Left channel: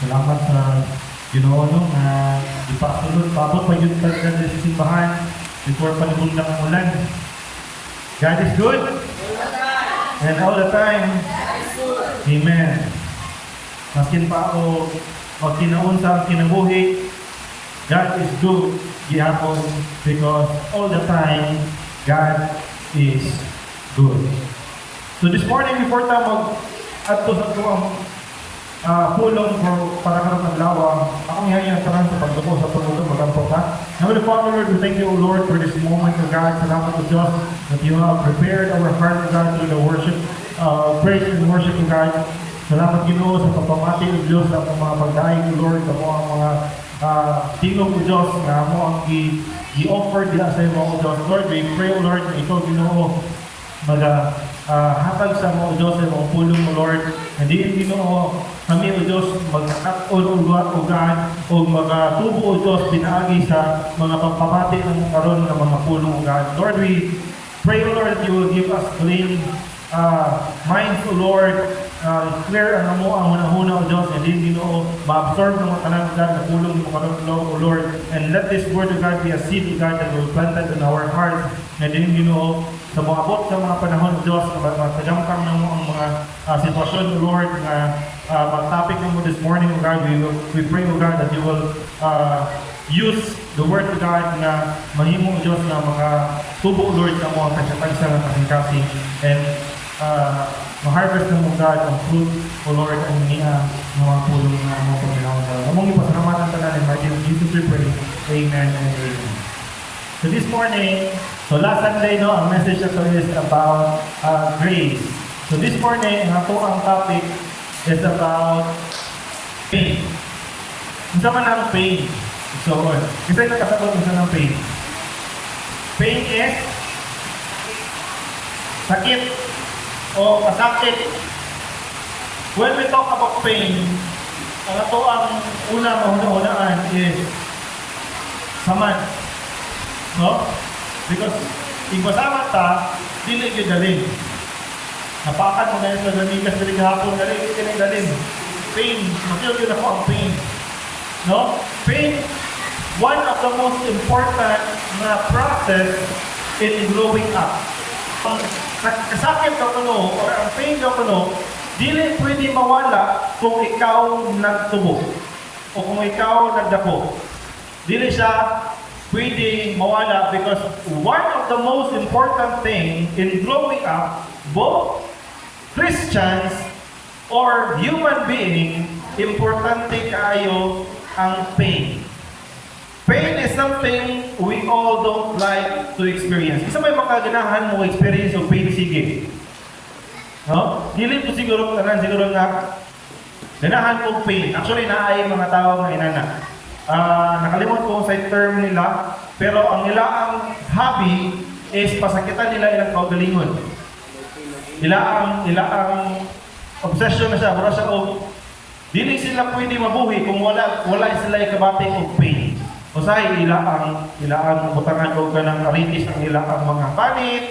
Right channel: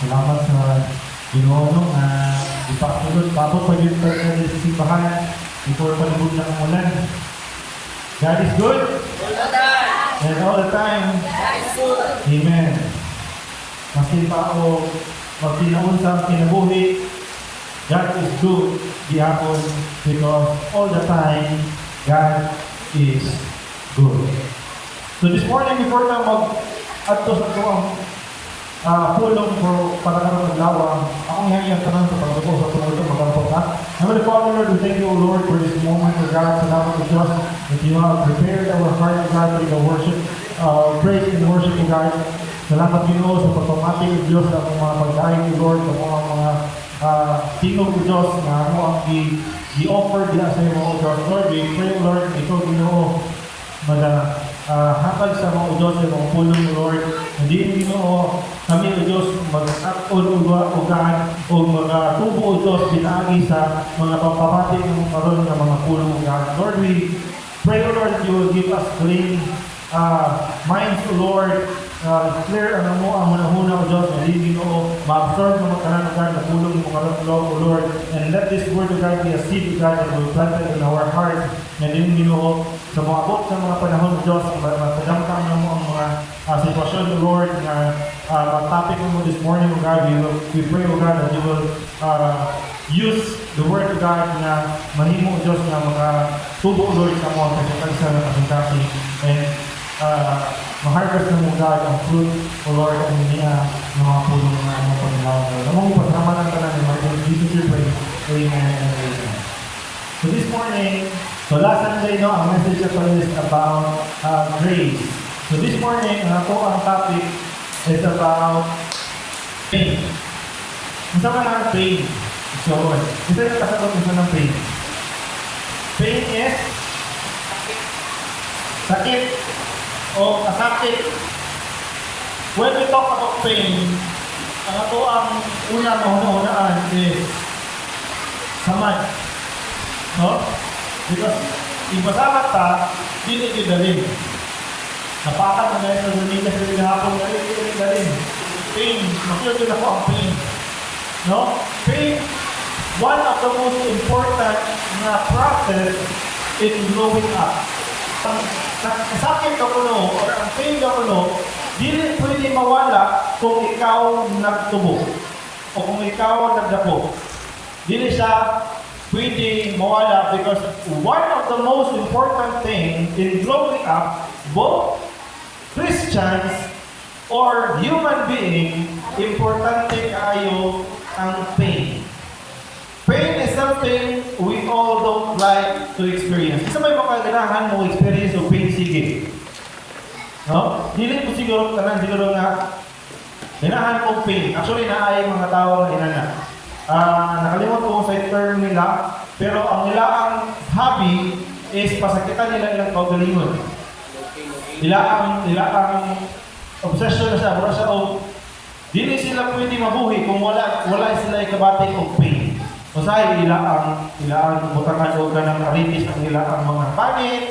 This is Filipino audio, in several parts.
Salamat sa Ginoo na ipakilot tapos pag yung talaga sa simbahan before panahon ng ulan. God is good. And all the time. Amen. Masin tao o kinaunsa kinabuhi, God is good gihapon because all the time God is good. So this morning before tayo mag-ato sa pulong ko para karoon ng lawang, akong hiyayang parang sa pagbuko sa pagbuko magkampo ka. Heavenly Father, Lord, we thank you, O Lord, for this moment, O God, salamat to Diyos that you have prepared our heart, O God, to your worship, praise and worship, O God. Salamat Ginoo sa pagpamati, O Diyos, sa mga pagkain, O Lord, sa mga tingog, O Diyos, na mo ang i-offer din sa iyo, O Diyos. Lord, we pray, O Lord, ikaw Ginoo, hatag sa mga Diyos sa mga pulong, O Lord. Hindi Ginoo, kami, O Diyos, mag-at-on, O God, o mag-tubo, O Diyos, pinaagi sa mga pagpapati ng karoon ng mga pulong, O God. Lord, we pray, O Lord, that you will give us clean minds, O Lord, clear ang mo ang hunahuna, O Diyos, and then, Ginoo, ma-absorb ng tanan, O God, na pulong ng karoon, O Lord, and let this word, O God, be a seed, O God, that you planted in our hearts, and then, Ginoo, sa mga abot sa mga panahon, O Diyos, pagdamkang ng ang mga sitwasyon, O Lord, na topic mo this morning, O God, we pray, O God, that you will use the word, O God, na mahimo, O Diyos, na mga tubo, O Lord, sa mga kasyakansa ng kasingkasi, and ma-harvest mo, O God, ang fruit, O Lord, ang niya, mga pulong na mga pagkakaroon. Mong ipasalamat ang tanan, in Jesus we pray. Amen and amen. So this morning, so last Sunday, no, ang message ito is about grace. So this morning, ang topic is about pain. Isa ka na ang pain. So, isa ka kasagot isa ng pain. Pain is sakit o kasakit. When we talk about pain, ang ito ang unang mahuunaan is samad. No? Because ibasahat ta, dili yung dalhin. Napakan mo dahil sa namigas na rin hapon na rin, hindi dalhin. Pain, masyo din ako ang pain. No? Pain, one of the most important na process in growing up. Ang kasakit ka kuno, or ang pain ka kuno, dili pwede mawala kung ikaw nagtubo o kung ikaw nagdako. Dili siya pwede mawala because one of the most important thing in growing up, both Christians or human being, importante kaayo ang pain. Pain is something we all don't like to experience. Isa may makaganahan mo experience of pain, sige. No? Dili po siguro nga ganahan mo pain. Actually, naay mga tao na inana. Nakalimot ko sa term nila, pero ang nilaang hobby is pasakitan nila ilang kaugalingon. Nilaang obsession na siya, wala siya dili sila pwede mabuhi kung wala sila ikabating og pain. Usahay ilaang butangan og kanang aritis ang ilaang mga panit,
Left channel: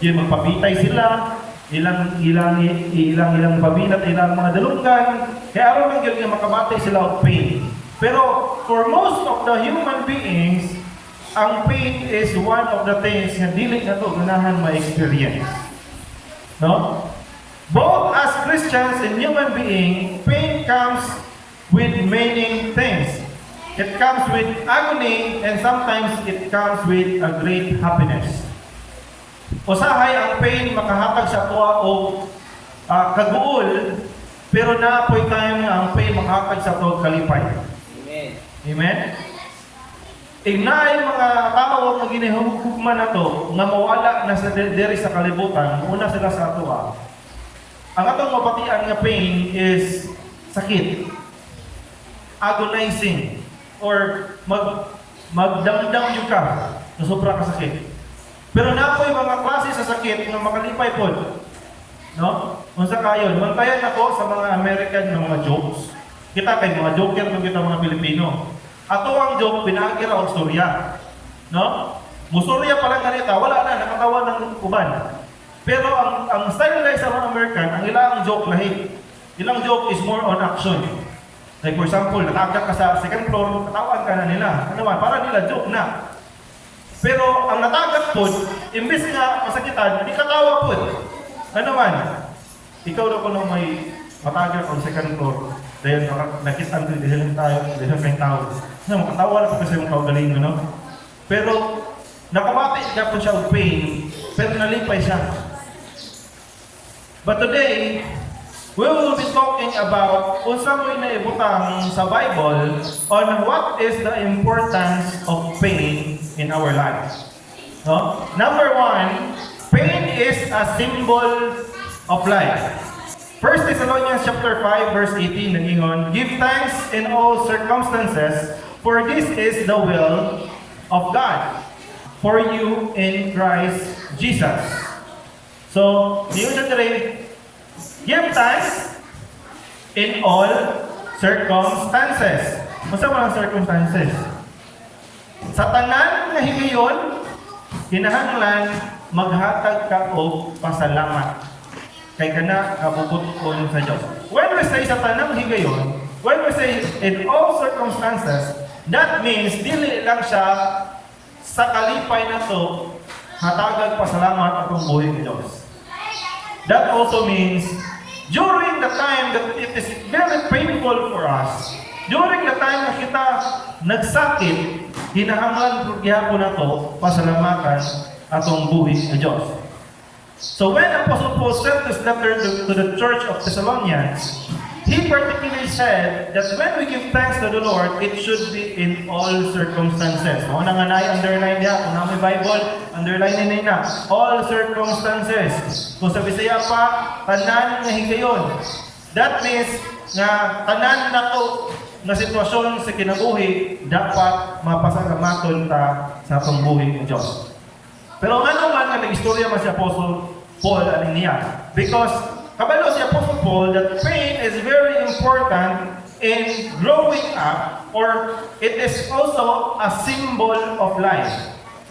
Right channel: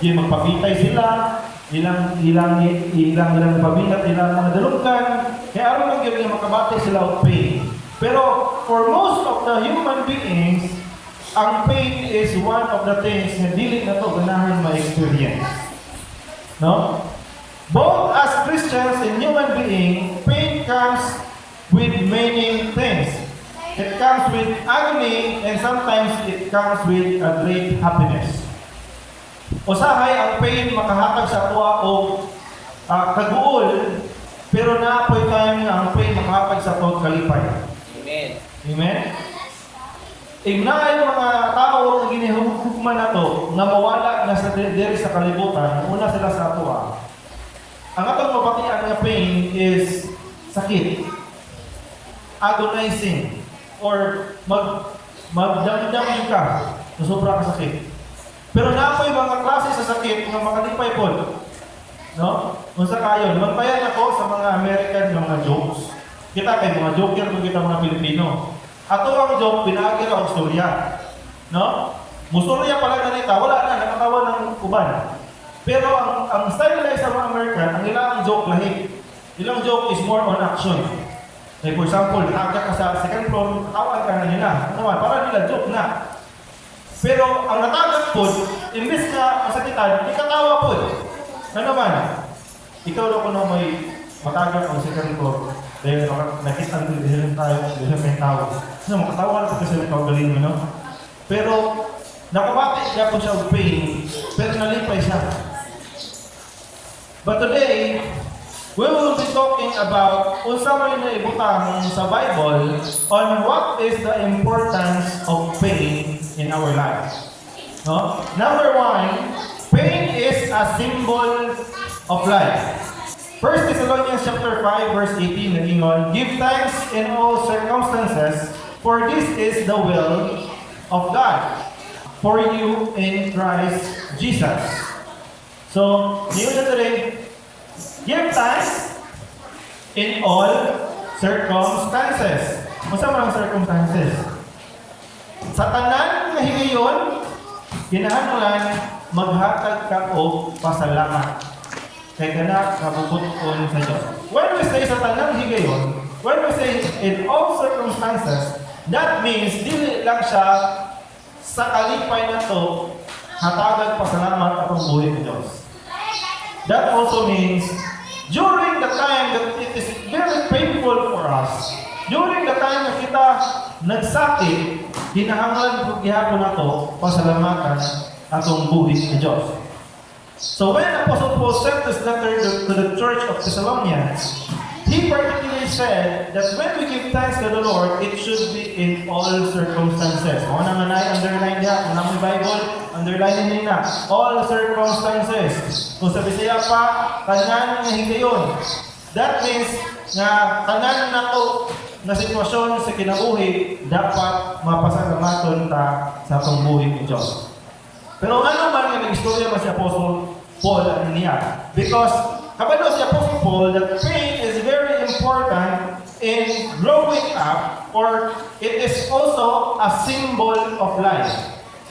yun magpabitay sila, ilang pabinat, ilang mga dalunggan, kaya aron man gyud nga makabatay sila og pain. Pero for most of the human beings, ang pain is one of the things na dili na to ganahan ma-experience. No? Both as Christians and human being, pain comes with many things. It comes with agony and sometimes it comes with a great happiness. Usahay ang pain makahatag sa tuwa o kaguol, pero naapoy tayo nga ang pain makahatag sa tuwa kalipay. Amen? Ignay mga tao ang ginihugman na to nga mawala na sa diri sa kalibutan, una sila sa ato. Ang atong mapatian nga pain is sakit, agonizing, or magdamdam yung ka na sobra ka sakit. Pero napoy mga klase sa sakit nga makalipay po. No? Unsa kayo, lumantayan ako sa mga American na mga jokes. Kita kay mga joker kung kita mga Pilipino. Ato ang joke, pinagi raw storya. No? Mustorya pala ganita, wala na, nakatawa ng uban. Pero ang style guys sa mga American, ang ilang joke lahi. Ilang joke is more on action. Like for example, nakagak ka sa second floor, tatawan ka na nila. Ano naman, para nila, joke na. Pero ang natagak po, imbis na masakitan, hindi katawa po. Ano man, ikaw na po na may matagak sa second floor, dahil nakita ang dahil may tao. So, makatawa na po kasi ng pagaling mo, no? Pero, nakawati niya po siya ng pain, pero nalipay siya. But today, we will be talking about kung saan mo inaibutang sa Bible on what is the importance of pain in our lives. No? Number one, pain is a symbol of life. 1 Thessalonians chapter 5 verse 18 nagingon, give thanks in all circumstances, for this is the will of God for you in Christ Jesus. So, yun na today, give thanks in all circumstances. Kung sa mga circumstances? Sa tanan nga higayon, kinahanglan maghatag ka og pasalamat kay kana kabubuton sa Dios. When we say sa tanang higayon, when we say in all circumstances, that means dili lang siya sa kalipay na to hatagag pasalamat akong buhay sa Dios. That also means during the time that it is very painful for us, during the time na kita nagsakit, hinahanglan gihapon na to pasalamatan atong buhay sa Dios. So when Apostle Paul sent this letter to the church of Thessalonians, he particularly said that when we give thanks to the Lord, it should be in all circumstances. Kung ano nga underline niya, kung ano may Bible, underline niya na. All circumstances. Kung sa Bisaya pa, tanan na higayon. That means na tanan na to na sitwasyon sa kinabuhi dapat mapasalamaton ta sa atong buhay ng Diyos. Pero nga naman nga nag-istorya man si Apostle Paul ano niya? Because kabalo si Apostle Paul that pain is very important in growing up, or it is also a symbol of life.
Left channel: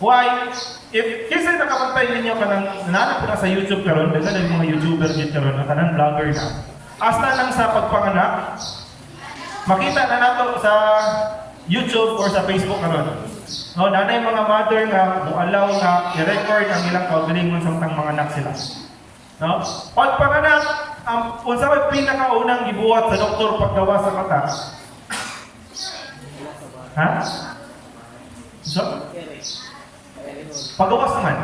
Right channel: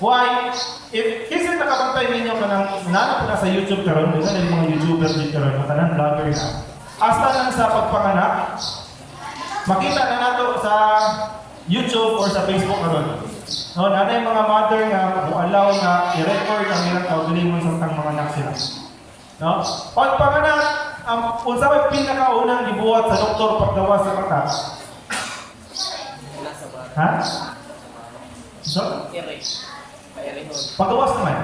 Why? If kasi nakapantay ninyo ka ng nanap na sa YouTube karon, kasi ng mga YouTuber dito karon, at anong vlogger na. Hasta nang sa pagpanganak, makita na nato sa YouTube or sa Facebook karon. No, nanay mga mother nga mo-allow na i-record ang ilang kaugalingon sa mga anak sila. No? Pagpanganak, unsa may pinakaunang gibuhat sa doktor paggawa sa mata? Ha? So? Pagawas naman.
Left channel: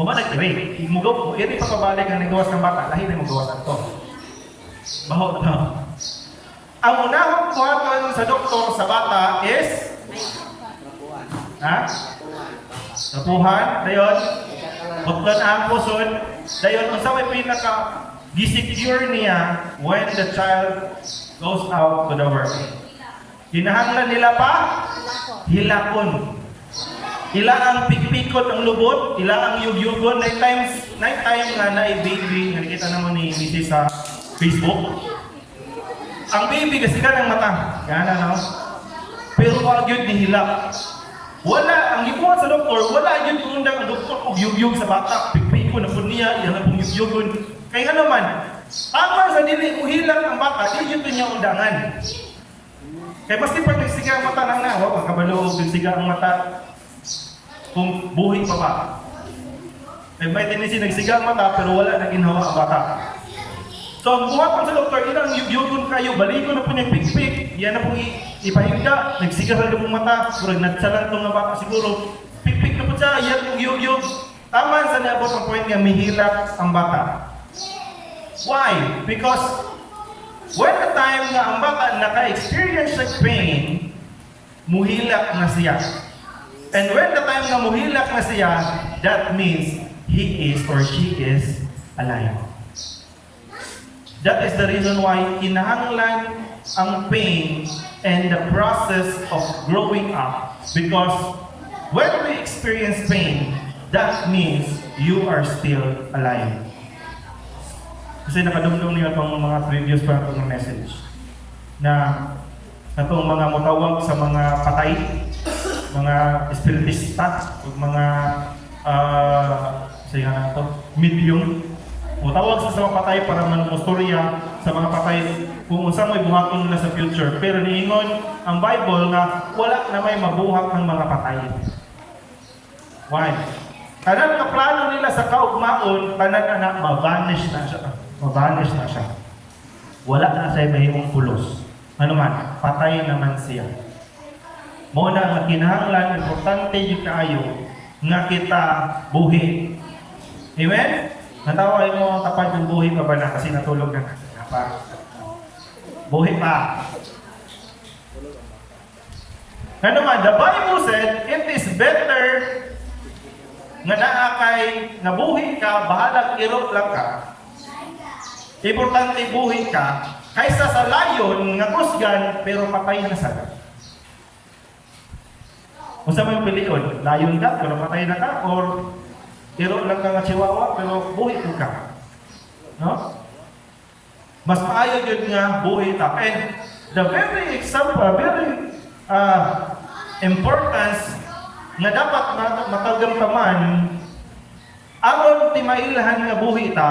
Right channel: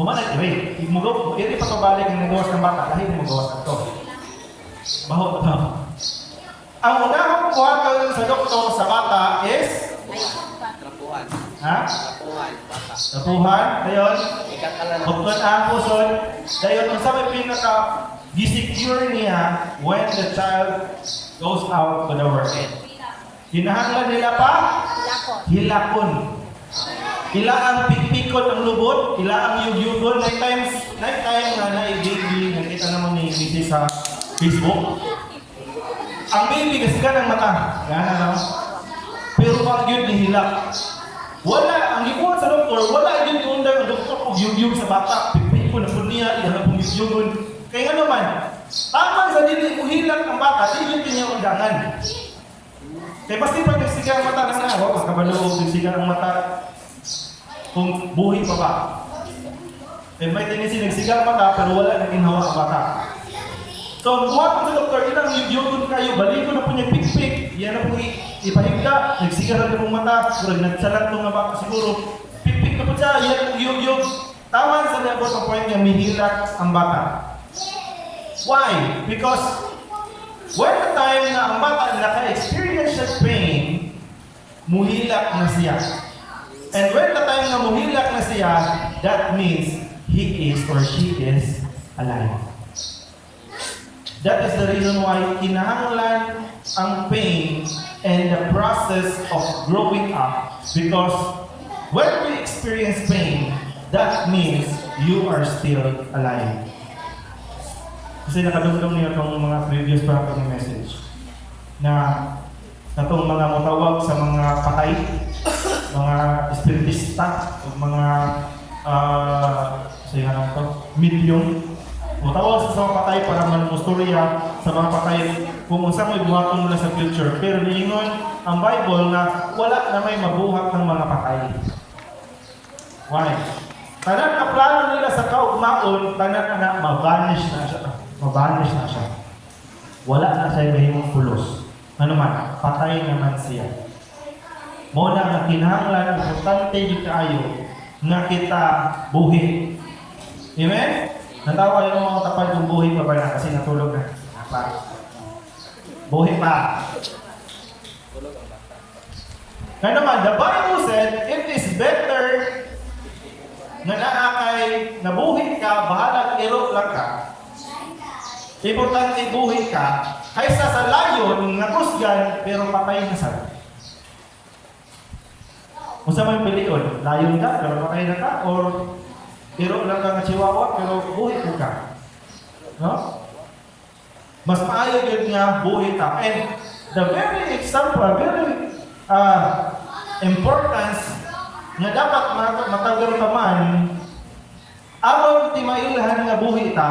Humanag iri. Imugaw, iri pagkabalik ang nagawas ng bata, dahil na magawas ito. Baho ito. Ang unang buhatan sa doktor sa bata is ha? Tapuhan, dayon. Buklan ang puson. Dayon, kung sa may pinaka gisecure niya when the child goes out to the world. Hinahanglan nila pa? Hilakon. Ila ang pikpikot ang lubot, ila ang yugyugon. Night time nga na baby, nakita naman ni Mrs. sa Facebook. Ang baby kasi ka ng mata. Yan ano. Pero wag yun nihila. Wala, ang ibuhat sa doktor, wala yun yung unday ang doktor kung yugyug sa bata. Pikpikot na po niya, iyan na pong yugyugon. Kaya nga naman, tama sa dili mo hilang ang bata, di yun niya undangan. Kaya basta pag nagsiga ang mata na nga, wag kabalog, nagsiga ang mata kung buhay pa ba. Eh may tendency nagsiga ang mata pero wala nang inhawa ang mata. So ang buhat pa sa doktor, ilang yugyugon kayo, balik ko na po niya pikpik, yan na po ipahigda, nagsiga sa lumang mata, kurang nagsalan itong mga baka siguro, pikpik na po siya, yan ang yugyug. Tama sa niya po ang point niya, mihilat ang bata. Why? Because when the time na ang bata naka-experience ng pain, muhilak na siya. And when the time na muhilak na siya, that means he is or she is alive. That is the reason why kinahanglan ang pain and the process of growing up. Because when we experience pain, that means you are still alive. Kasi nakadumdum niyo itong mga previous part ng message na itong mga mutawag sa mga patay, mga espiritista, o mga medium, mutawag sa mga patay para manusturya sa mga patay kung unsang may buhaton nila sa future. Pero niingon ang Bible nga wala na may mabuhat ng mga patay. Why? Tanan ang plano nila sa kaugmaon, tanan anak ma-vanish na siya. Ma-vanish na siya. Wala na sa ibahimong pulos. Ano man, patay naman siya. Muna nga kinahanglan, importante yung kaayo nga kita buhi. Amen? Natawa yung mga kapag yung buhi pa ba na kasi natulog na. Buhi pa. Na naman, the Bible said, it is better nga naakay, nabuhi ka, bahalag irot lang ka. Importante buhi ka, kaysa sa layon nga kusgan, pero patay na sa. Kung saan mo piliin, layon ka, pero patay na ka, or irot lang ka nga chihuahua, pero buhi ka. No? Mas maayo yun nga buhi ka. And the very example, very importance nga dapat matagaro ka man, aron timailhan nga buhi ta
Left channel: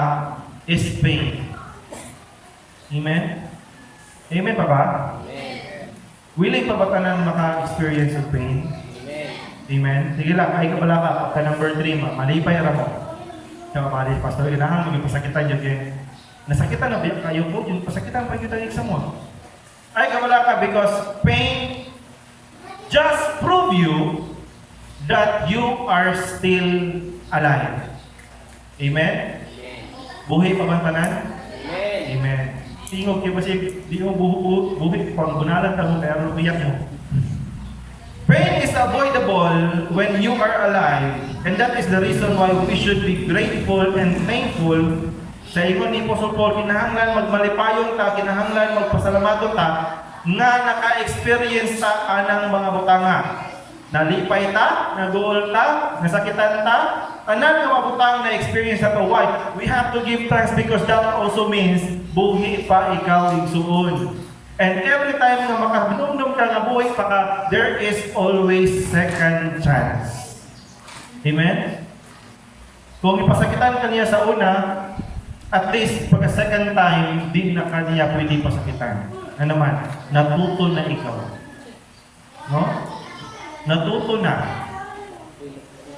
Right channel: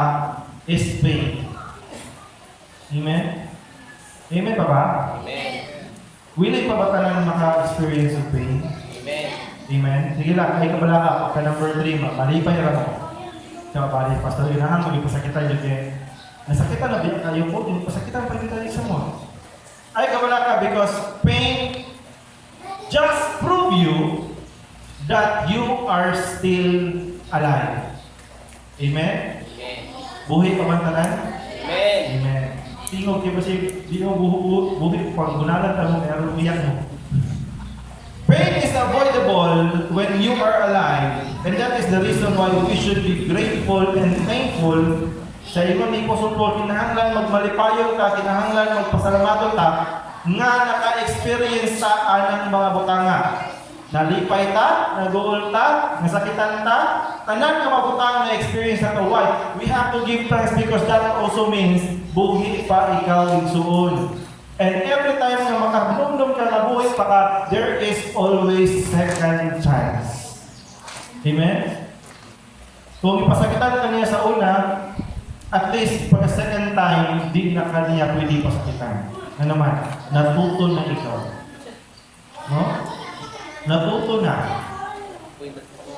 is pain. Amen? Amen pa ba? Amen. Willing pa ba ka nang maka-experience of pain? Amen. Amen? Sige lang, kahit ka wala ka, ka number 3, malipay ra mo. Sa mabalik, pastor, ginahan mo yung pasakitan yun kaya nasakitan na din kayo po, yung pasakitan pa yun tayo sa mo. Ay ka wala ka because pain just prove you that you are still alive. Amen? Buhi pa man tanan? Amen. Amen. Tingog kayo ba siya, di mo buhi pang gunalan ka mo, kaya umiyak mo. Pain is avoidable when you are alive, and that is the reason why we should be grateful and thankful. Sa ingon ni Apostle Paul, kinahanglan magmalipayon ka, kinahanglan magpasalamaton ka, nga naka-experience sa anang mga butanga. Nalipay ta, naguol ta, nasakitan ta, tanan nga mabutang na experience na to. Why? We have to give thanks because that also means buhi pa ikaw igsuon. And every time na makahinumdum ka na buhi pa ka, there is always second chance. Amen? Kung ipasakitan ka niya sa una, at least pag second time, di na ka niya pwede pasakitan. Ano naman? Natuto na ikaw. No? Natuto na.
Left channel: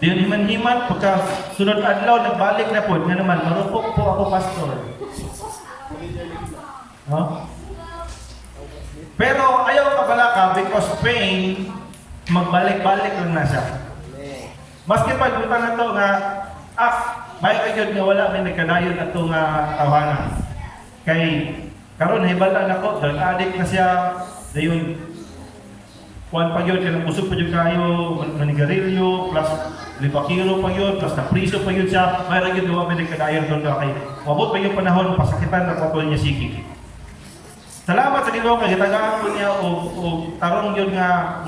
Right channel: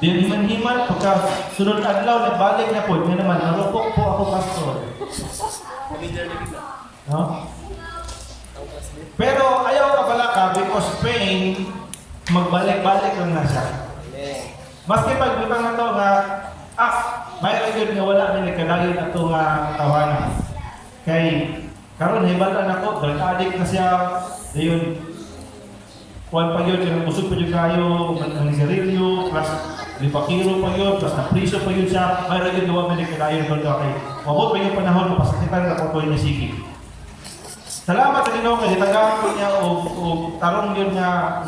Di himan-himan, pagka sunod adlaw, nagbalik na po. Nga naman, marupok po ako, pastor. No? Pero ayaw ka pala ka because pain, magbalik-balik lang na siya. Maski pag buta na to nga, may kagod nga wala din nagkadayon na ito nga tawanan. Kay, karon hibalan ako, drug-addict na siya, dayon, kuwan pa yun, kaya busog pa yun kayo, manigarilyo, plus lipakiro pa yun, plus napriso pa yun siya, may lagi doon may nagkadayon doon kay, mabot pa yung panahon, pasakitan na kapag niya sige. Salamat sa Ginoo kay gitagaan ko niya o tarong yun nga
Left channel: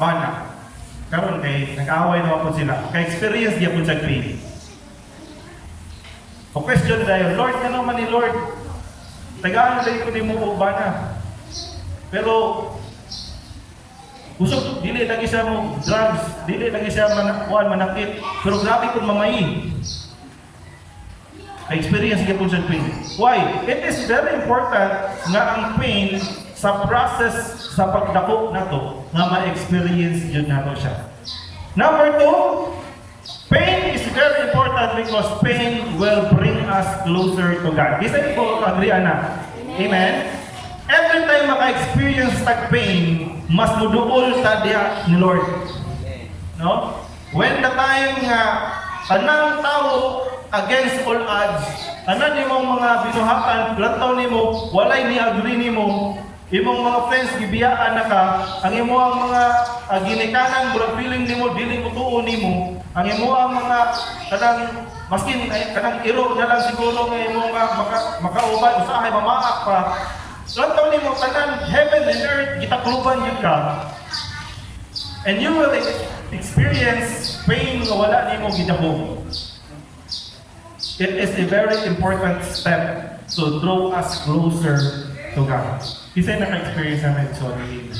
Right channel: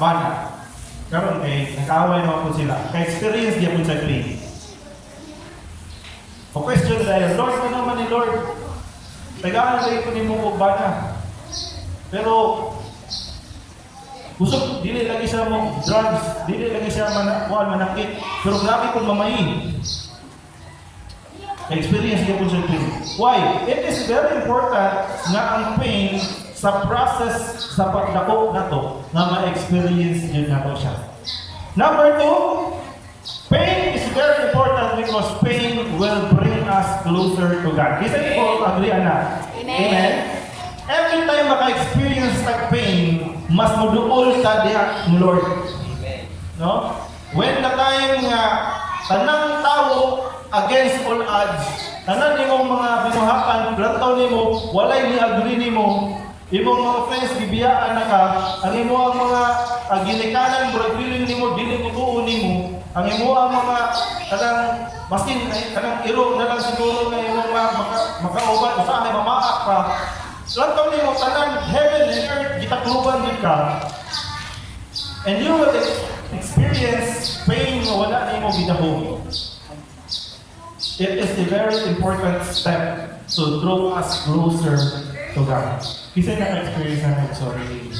bana. Karon kay nag-away naman po sila. Kay experience niya po sa pain. O question dahil, Lord, ka naman ni Lord. Tagaan na ko ni mo po bana. Pero gusto, dili lagi siya mo drugs, dili lagi siya manakit. Pero grabe kung mamayi. Experience niya po sa pain. Why? It is very important na ang pain sa process sa pagdakop na to na ma-experience yun na to siya. Number 2, pain is very important because pain will bring us closer to God. Isa niyo po agree na? Amen? Every time maka-experience sa pain, mas muduol ta diya ni Lord. No? When the time nga tanang tao against all odds, tanan nimo mga binuhatan, plantaw nimo, walay ni agree nimo, imong mga friends gibiyaan na ka, ang imo ang mga ginikanan, bro, feeling nimo dili ko tuon nimo, ang imo ang mga kanang maskin kanang iro na lang siguro nga imong makauban usahay mamaak pa. Plantaw nimo tanan heaven and earth gitakluban gyud ka. And you will experience pain nga wala nimo gidahom. It is a very important step to draw us closer to God. Kasi naka-experience na ito already.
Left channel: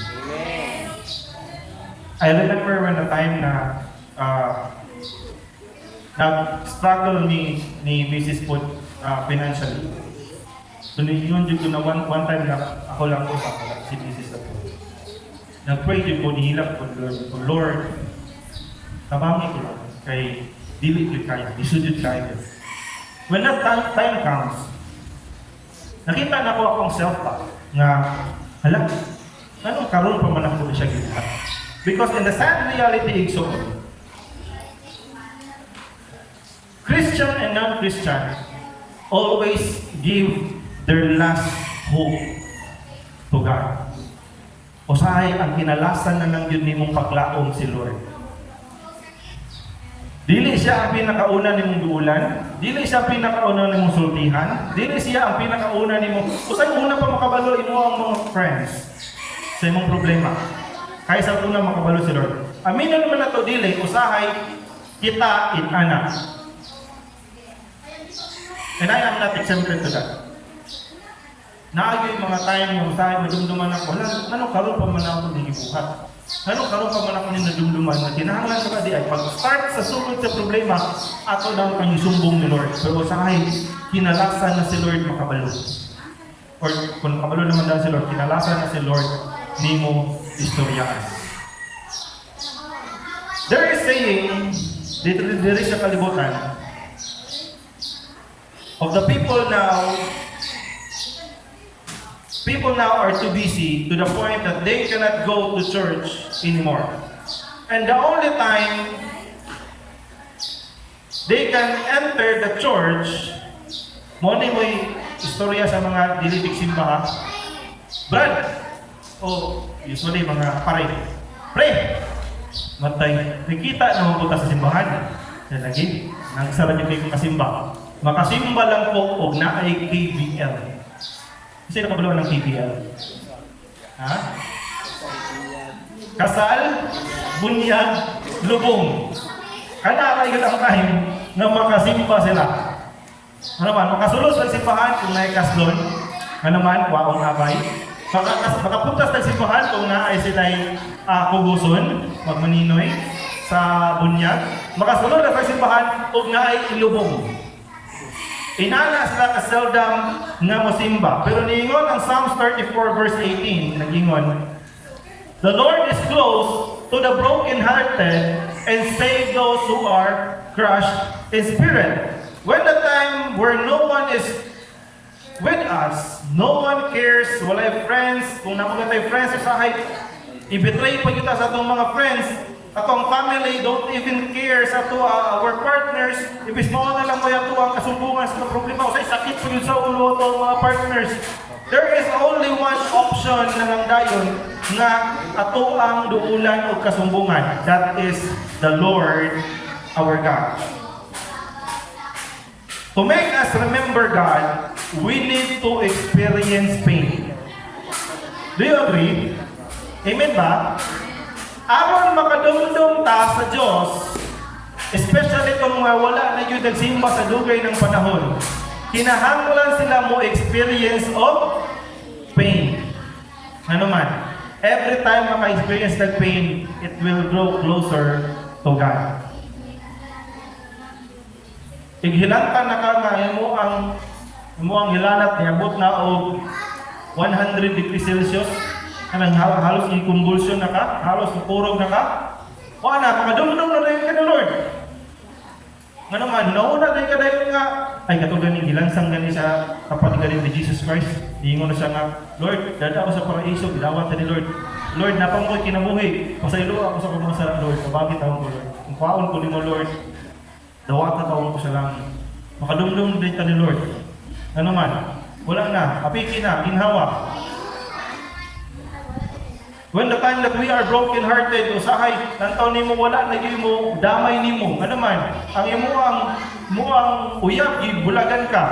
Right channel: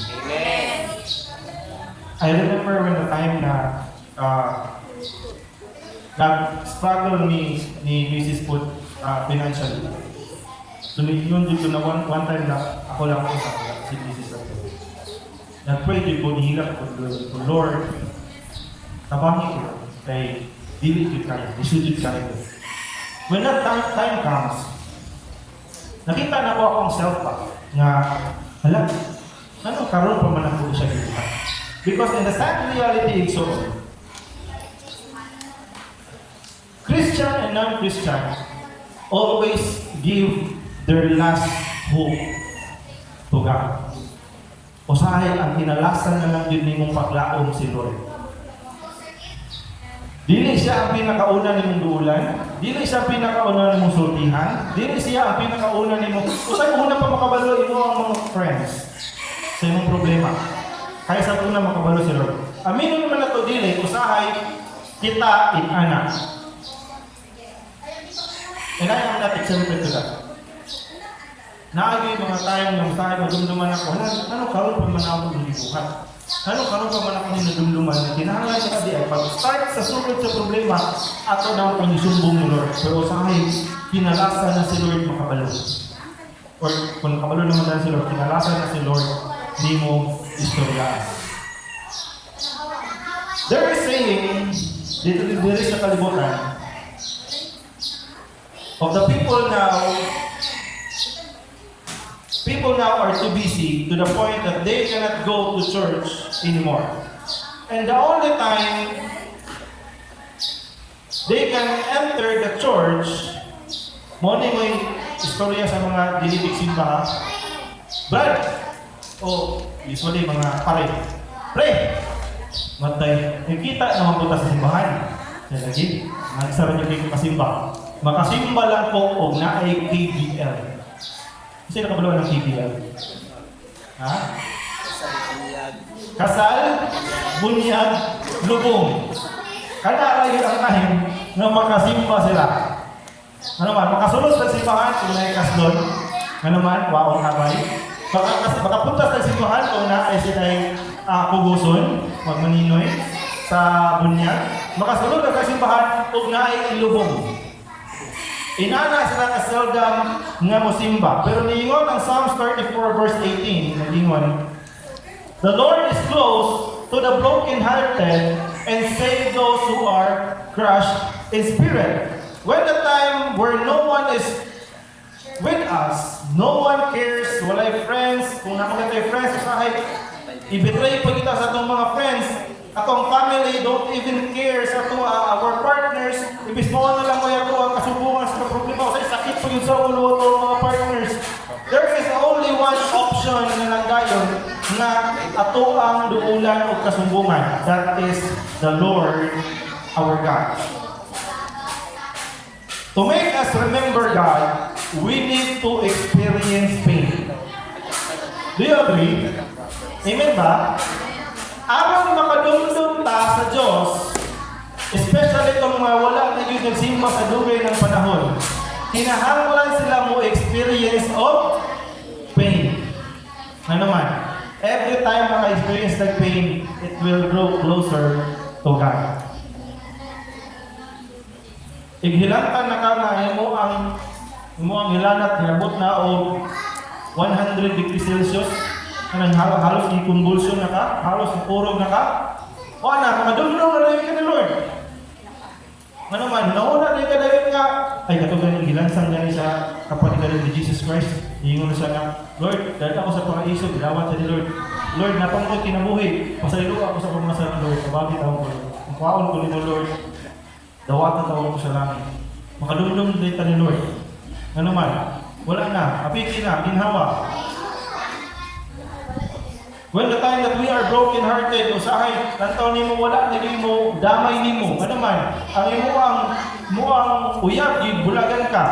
I remember when the time na nag-struggle ni Mrs. Put financially. So yun dito na one time na ako lang si thesis ako. Nag-pray din ko, nihilak ko, Lord, kabangi ko lang, kay dili ko kayo, isudid kayo. When that time comes, nakita na ko akong self-talk na, hala, anong karoon pa man ako siya gina? Because in the sad reality, so, Christian and non-Christian always give their last hope to God. Usahay ang kinalasan na lang yun ni mong paglaom si Lord. Dili siya ang pinakauna ni mong duulan, dili siya ang pinakauna ni mong sultihan, dili siya ang pinakauna ni mong, usahay una pa makabalo mo ang mga friends sa imong problema. Kaya sa una makabalo si Lord. Aminon mo na to dili, usahay kita inanak. And I am not exempted to that. Naagay mga tayong yung usahay, madumduman ako. Ano karoon pa man ako ng gibuhat? Ano karoon pa man ako ni nadumduman na kinahanglan si Kadi ay pag-start sa sulod sa problema, ato daw kang isumbong ni Lord. Pero usahay, kinalasan na si Lord makabalo. Or kung makabalo naman na si Lord, kinalasan na si Lord, di mo istoryaan. There is saying, dito sa kalibutan, of the people now are too busy to the point that they cannot go to church anymore. And the only time they can enter the church, mo ni may istorya sa mga dilitig simbahan. Brad, usually mga paray, pray, matay, nakita na mabuta sa simbahan. Yan lagi, nagsara niyo kayo kasimba. Makasimba lang po o na ay KBL. Kasi nakabulaw ng KBL. Ha? Kasal, bunyag, lubong. Kanaray ka ang kahim na makasimba sila. Ano man, makasulod sa simbahan kung naikas doon. Ano man, waong nakay. Makapuntas sa simbahan kung naay sitay kuguson o maninoy sa bunyag. Makasulod sa simbahan kung naay ilubong. Inana sila kaseldam nga mosimba. Pero niingon ang Psalms 34 verse 18, nagingon, the Lord is close to the broken-hearted and save those who are crushed in spirit. When the time where no one is with us, no one cares, walay friends, kung nakunit tayo friends, usahay, i-betray pa kita sa itong mga friends, atong family don't even care sa ito, our partners, ibis mo na lang kaya ito ang kasumbungan sa problema, usay sakit pa yun sa ulo itong mga partners. There is only one option na nangdayon nga ato ang duulan o kasumbungan. That is the Lord our God. To make us remember God, we need to experience pain. Do you agree? Amen ba? Aron makadumdum ta sa Diyos, especially kung mga wala na yun nagsimba sa dugay ng panahon, kinahanglan sila mo experience of pain. Ano man, every time maka-experience ng pain, it will grow closer to God. Ighilantan na ka nga, mo ang hilanat, niabot na o 100 degrees Celsius, kanang halos ni convulsion na ka, halos ni kurog na ka, o na, makadulong na rin ka na Lord. Ano man, nauna rin ka dahil nga, ay katugan yung gilansang gani sa kapatid ganin ni Jesus Christ. Iingon na siya nga, Lord, dada ako sa paraiso, binawat sa ni Lord. Lord, napangoy kinabuhi, pasaylo ako sa pamasa, Lord, kabagit ako ko. Kung kaon ko ni no Lord, dawatan ako ko sa langit. Makadumdum din ka ni Lord. Ano man, wala na, apiki na, ginhawa. When the time that we are broken-hearted, usahay, nantaw ni mo, wala, lagi mo, damay ni mo. Ano man, ang imuang uyab, bulagan ka.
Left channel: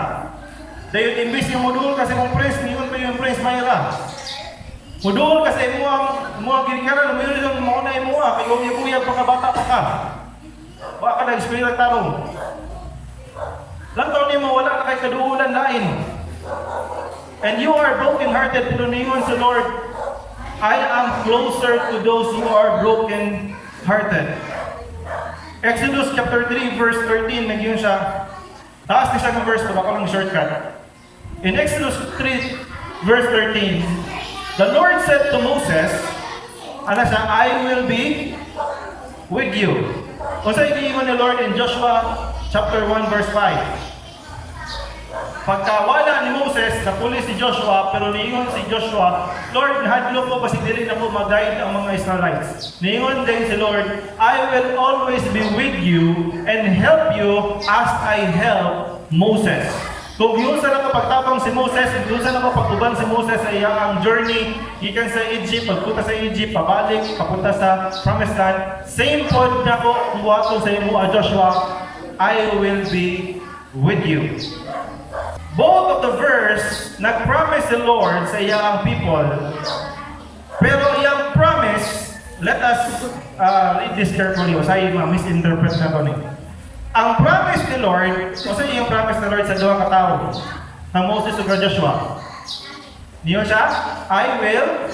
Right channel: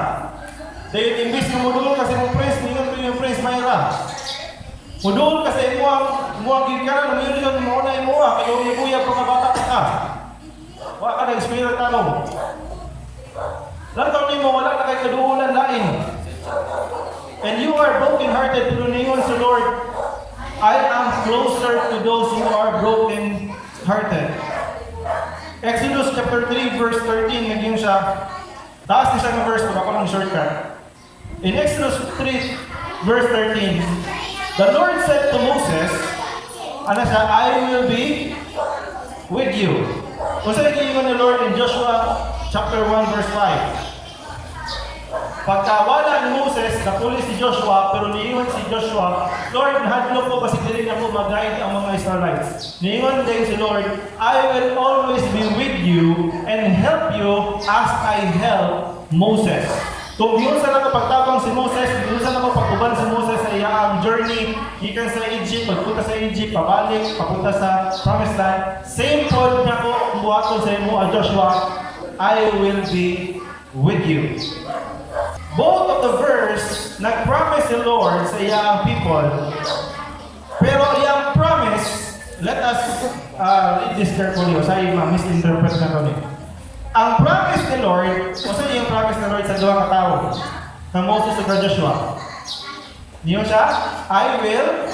Dahil imbis yung mudoon kasi mong praise, niyon pa yung praise mayra. Mudoon kasi imuang ginikaran, mayroon yung mauna yung mua, kaya yung uyab pagkabata ka. Wala ka na-experience tanong. Nantaw ni mo, wala na kay kaduulan lain. And you are broken-hearted, pero niyon sa Lord, I am closer to those who are broken-hearted. Exodus chapter 3 verse 13, nagyan siya. Taas ni siya ng verse, makalang shortcut. In Exodus 3, verse 13, the Lord said to Moses, ano siya, I will be with you. Kung sa ikiwan ni Lord in Joshua chapter 1, verse 5. Pagkawala ni Moses, napuli si Joshua, pero niingon si Joshua, Lord, nahadlo ko kasi dili na ko mag-guide ang mga Israelites. Niingon din si Lord, I will always be with you and help you as I help Moses. Kung yun sa pagtabang si Moses, yun sa pagtuban si Moses sa iyang journey, ikan sa Egypt, pagpunta sa Egypt, pabalik, papunta sa Promised Land, same pod na ko, buhaton sa imo, Joshua, I will be with you. Both of the verse, nag-promise the Lord sa iyang people. Pero iyang promise, let us read this carefully. Usay misinterpret na ito. Ang promise ni Lord, usay yung promise ni Lord sa duha ka tao, sa Moses ug Joshua. Niyo siya, I will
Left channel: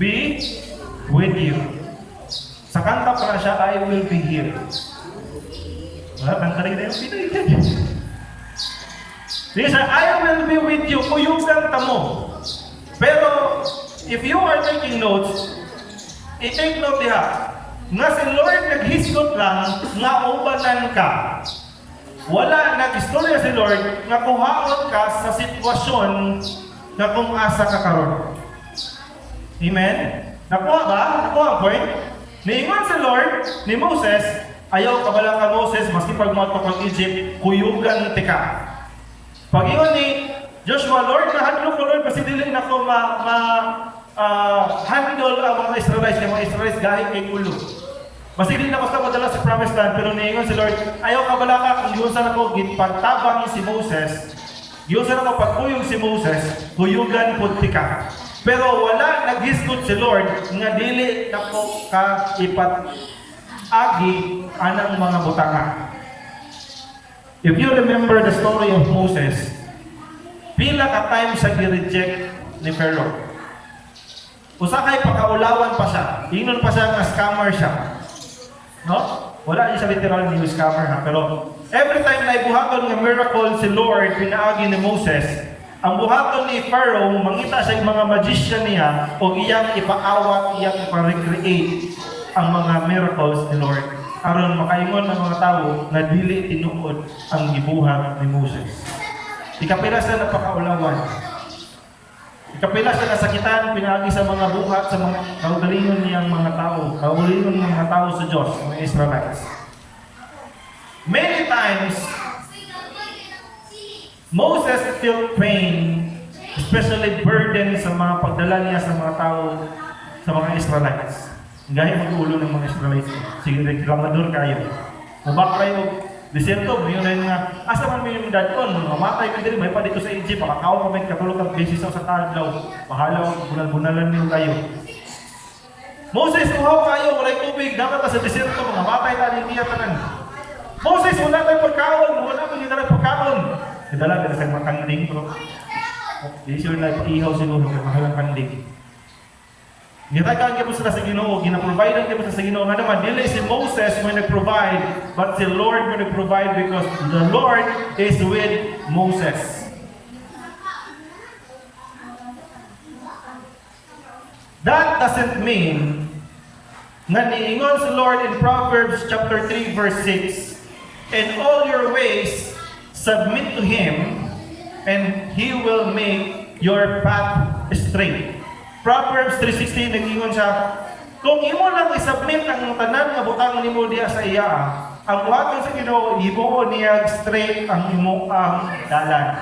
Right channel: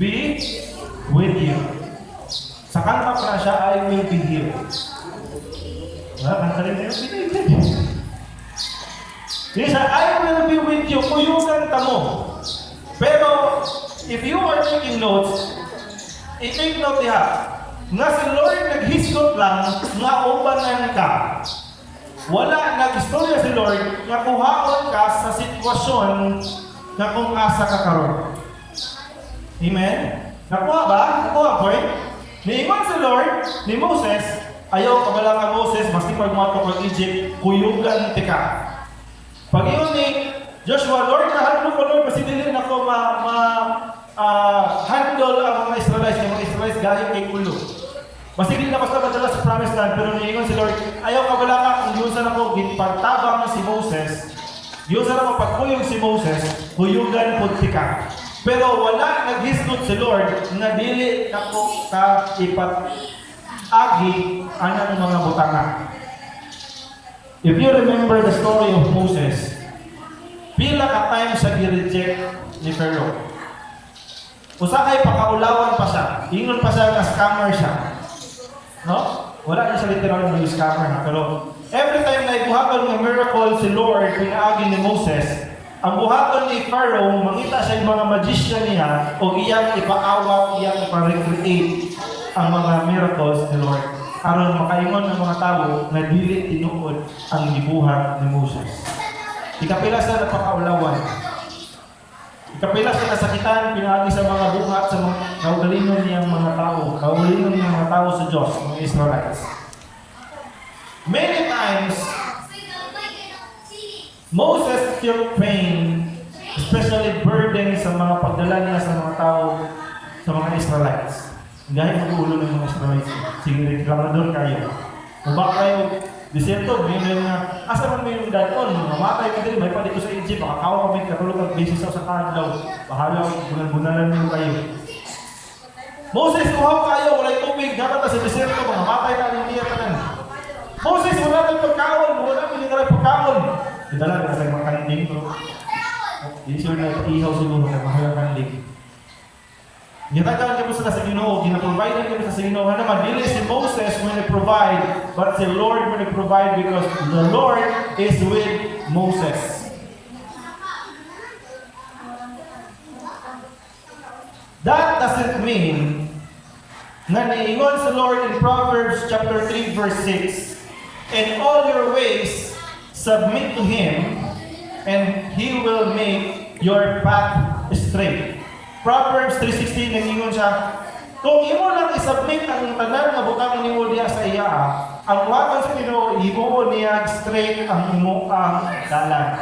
be with you. Sa kanta pa siya, I will be here. Kanta rin tayo, pinag-ibig. He said, I will be with you, kuyugan ka mo. Pero, if you are taking notes, i-take note diha, nga si Lord naghisgot lang, nga ubanan ka. Wala, nag-istorya si Lord, nga kuhaon ka sa sitwasyon na kung asa ka karon. Amen? Nakuha ba? Nakuha ang point? Niiman si Lord, ni Moses, ayaw kabala ka Moses, basti pag-moto ng Egypt, kuyugan tika. Pag-ingon ni Joshua, Lord, nahadlo ko, Lord, kasi dili na ko handle ang mga Israelites, yung mga Israelites gahit kay ulo. Kasi dili na ko sa madala sa Promised Land, pero niingon si Lord, ayaw ka wala ka, kung giusan ako, pagtabang si Moses, giusan ako pagkuyog si Moses, kuyugan punti ka. Pero wala naghisgot si Lord, nga dili na ko ka ipag-agi anang mga butanga. If you remember the story of Moses, pila ka time sa gi-reject ni Pharaoh. Usakay pakaulawan pa siya. Ingon pa siya na scammer siya. No? Wala niya sa literal na scammer na. Pero every time na ibuhaton ng miracle si Lord, pinaagi ni Moses, ang buhaton ni Pharaoh, mangita siya yung mga magician niya o iyang ipaawat, iyang ipa-recreate ang mga miracles ni Lord. Aron makaingon ng mga tao na dili tinuod ang gibuhat ni Moses. Ikapila sa napakaulawan. Ikapila sa kasakitan, pinaagi sa mga buhat sa mga kaugalingon niyang mga tao. Kaugalingon niyang mga tao sa Diyos, mga Israelites. Many times, Moses felt pain, especially burden sa mga pagdala niya sa mga tao, sa mga Israelites. Gaya ang ulo ng mga Israelites. Sige, reklamador kayo. Mabak kayo, desierto, may yun nga, asa man may yung dadon, mamatay ka din, may pa dito sa Egypt, makakawa ka may kapulog at basis sa tadlaw, mahalaw, bulan-bunalan nyo tayo. Moses, kuhaw kayo, walay tubig, dapat na sa desierto, mamatay tayo ng tiyak ka. Moses, wala tayo pagkaon, wala tayo pagkaon. Idala ka sa mga kanding ko. Hindi siya na-ihaw siguro sa mga kanding. Gitagaan ka po sila sa Ginoo, ginaprovide ka po sa Ginoo. Nga naman, dili si Moses may nag-provide, but si Lord may nag-provide because the Lord is with Moses. That doesn't mean nga niingon si Lord in Proverbs chapter 3 verse 6, in all your ways submit to Him and He will make your path straight. Proverbs 3:16 nag-ingon siya, kung imo lang isubmit ang tanan nga butang nimo diha sa iya, ang buhaton sa Ginoo himuon niya straight ang imo ang dalan.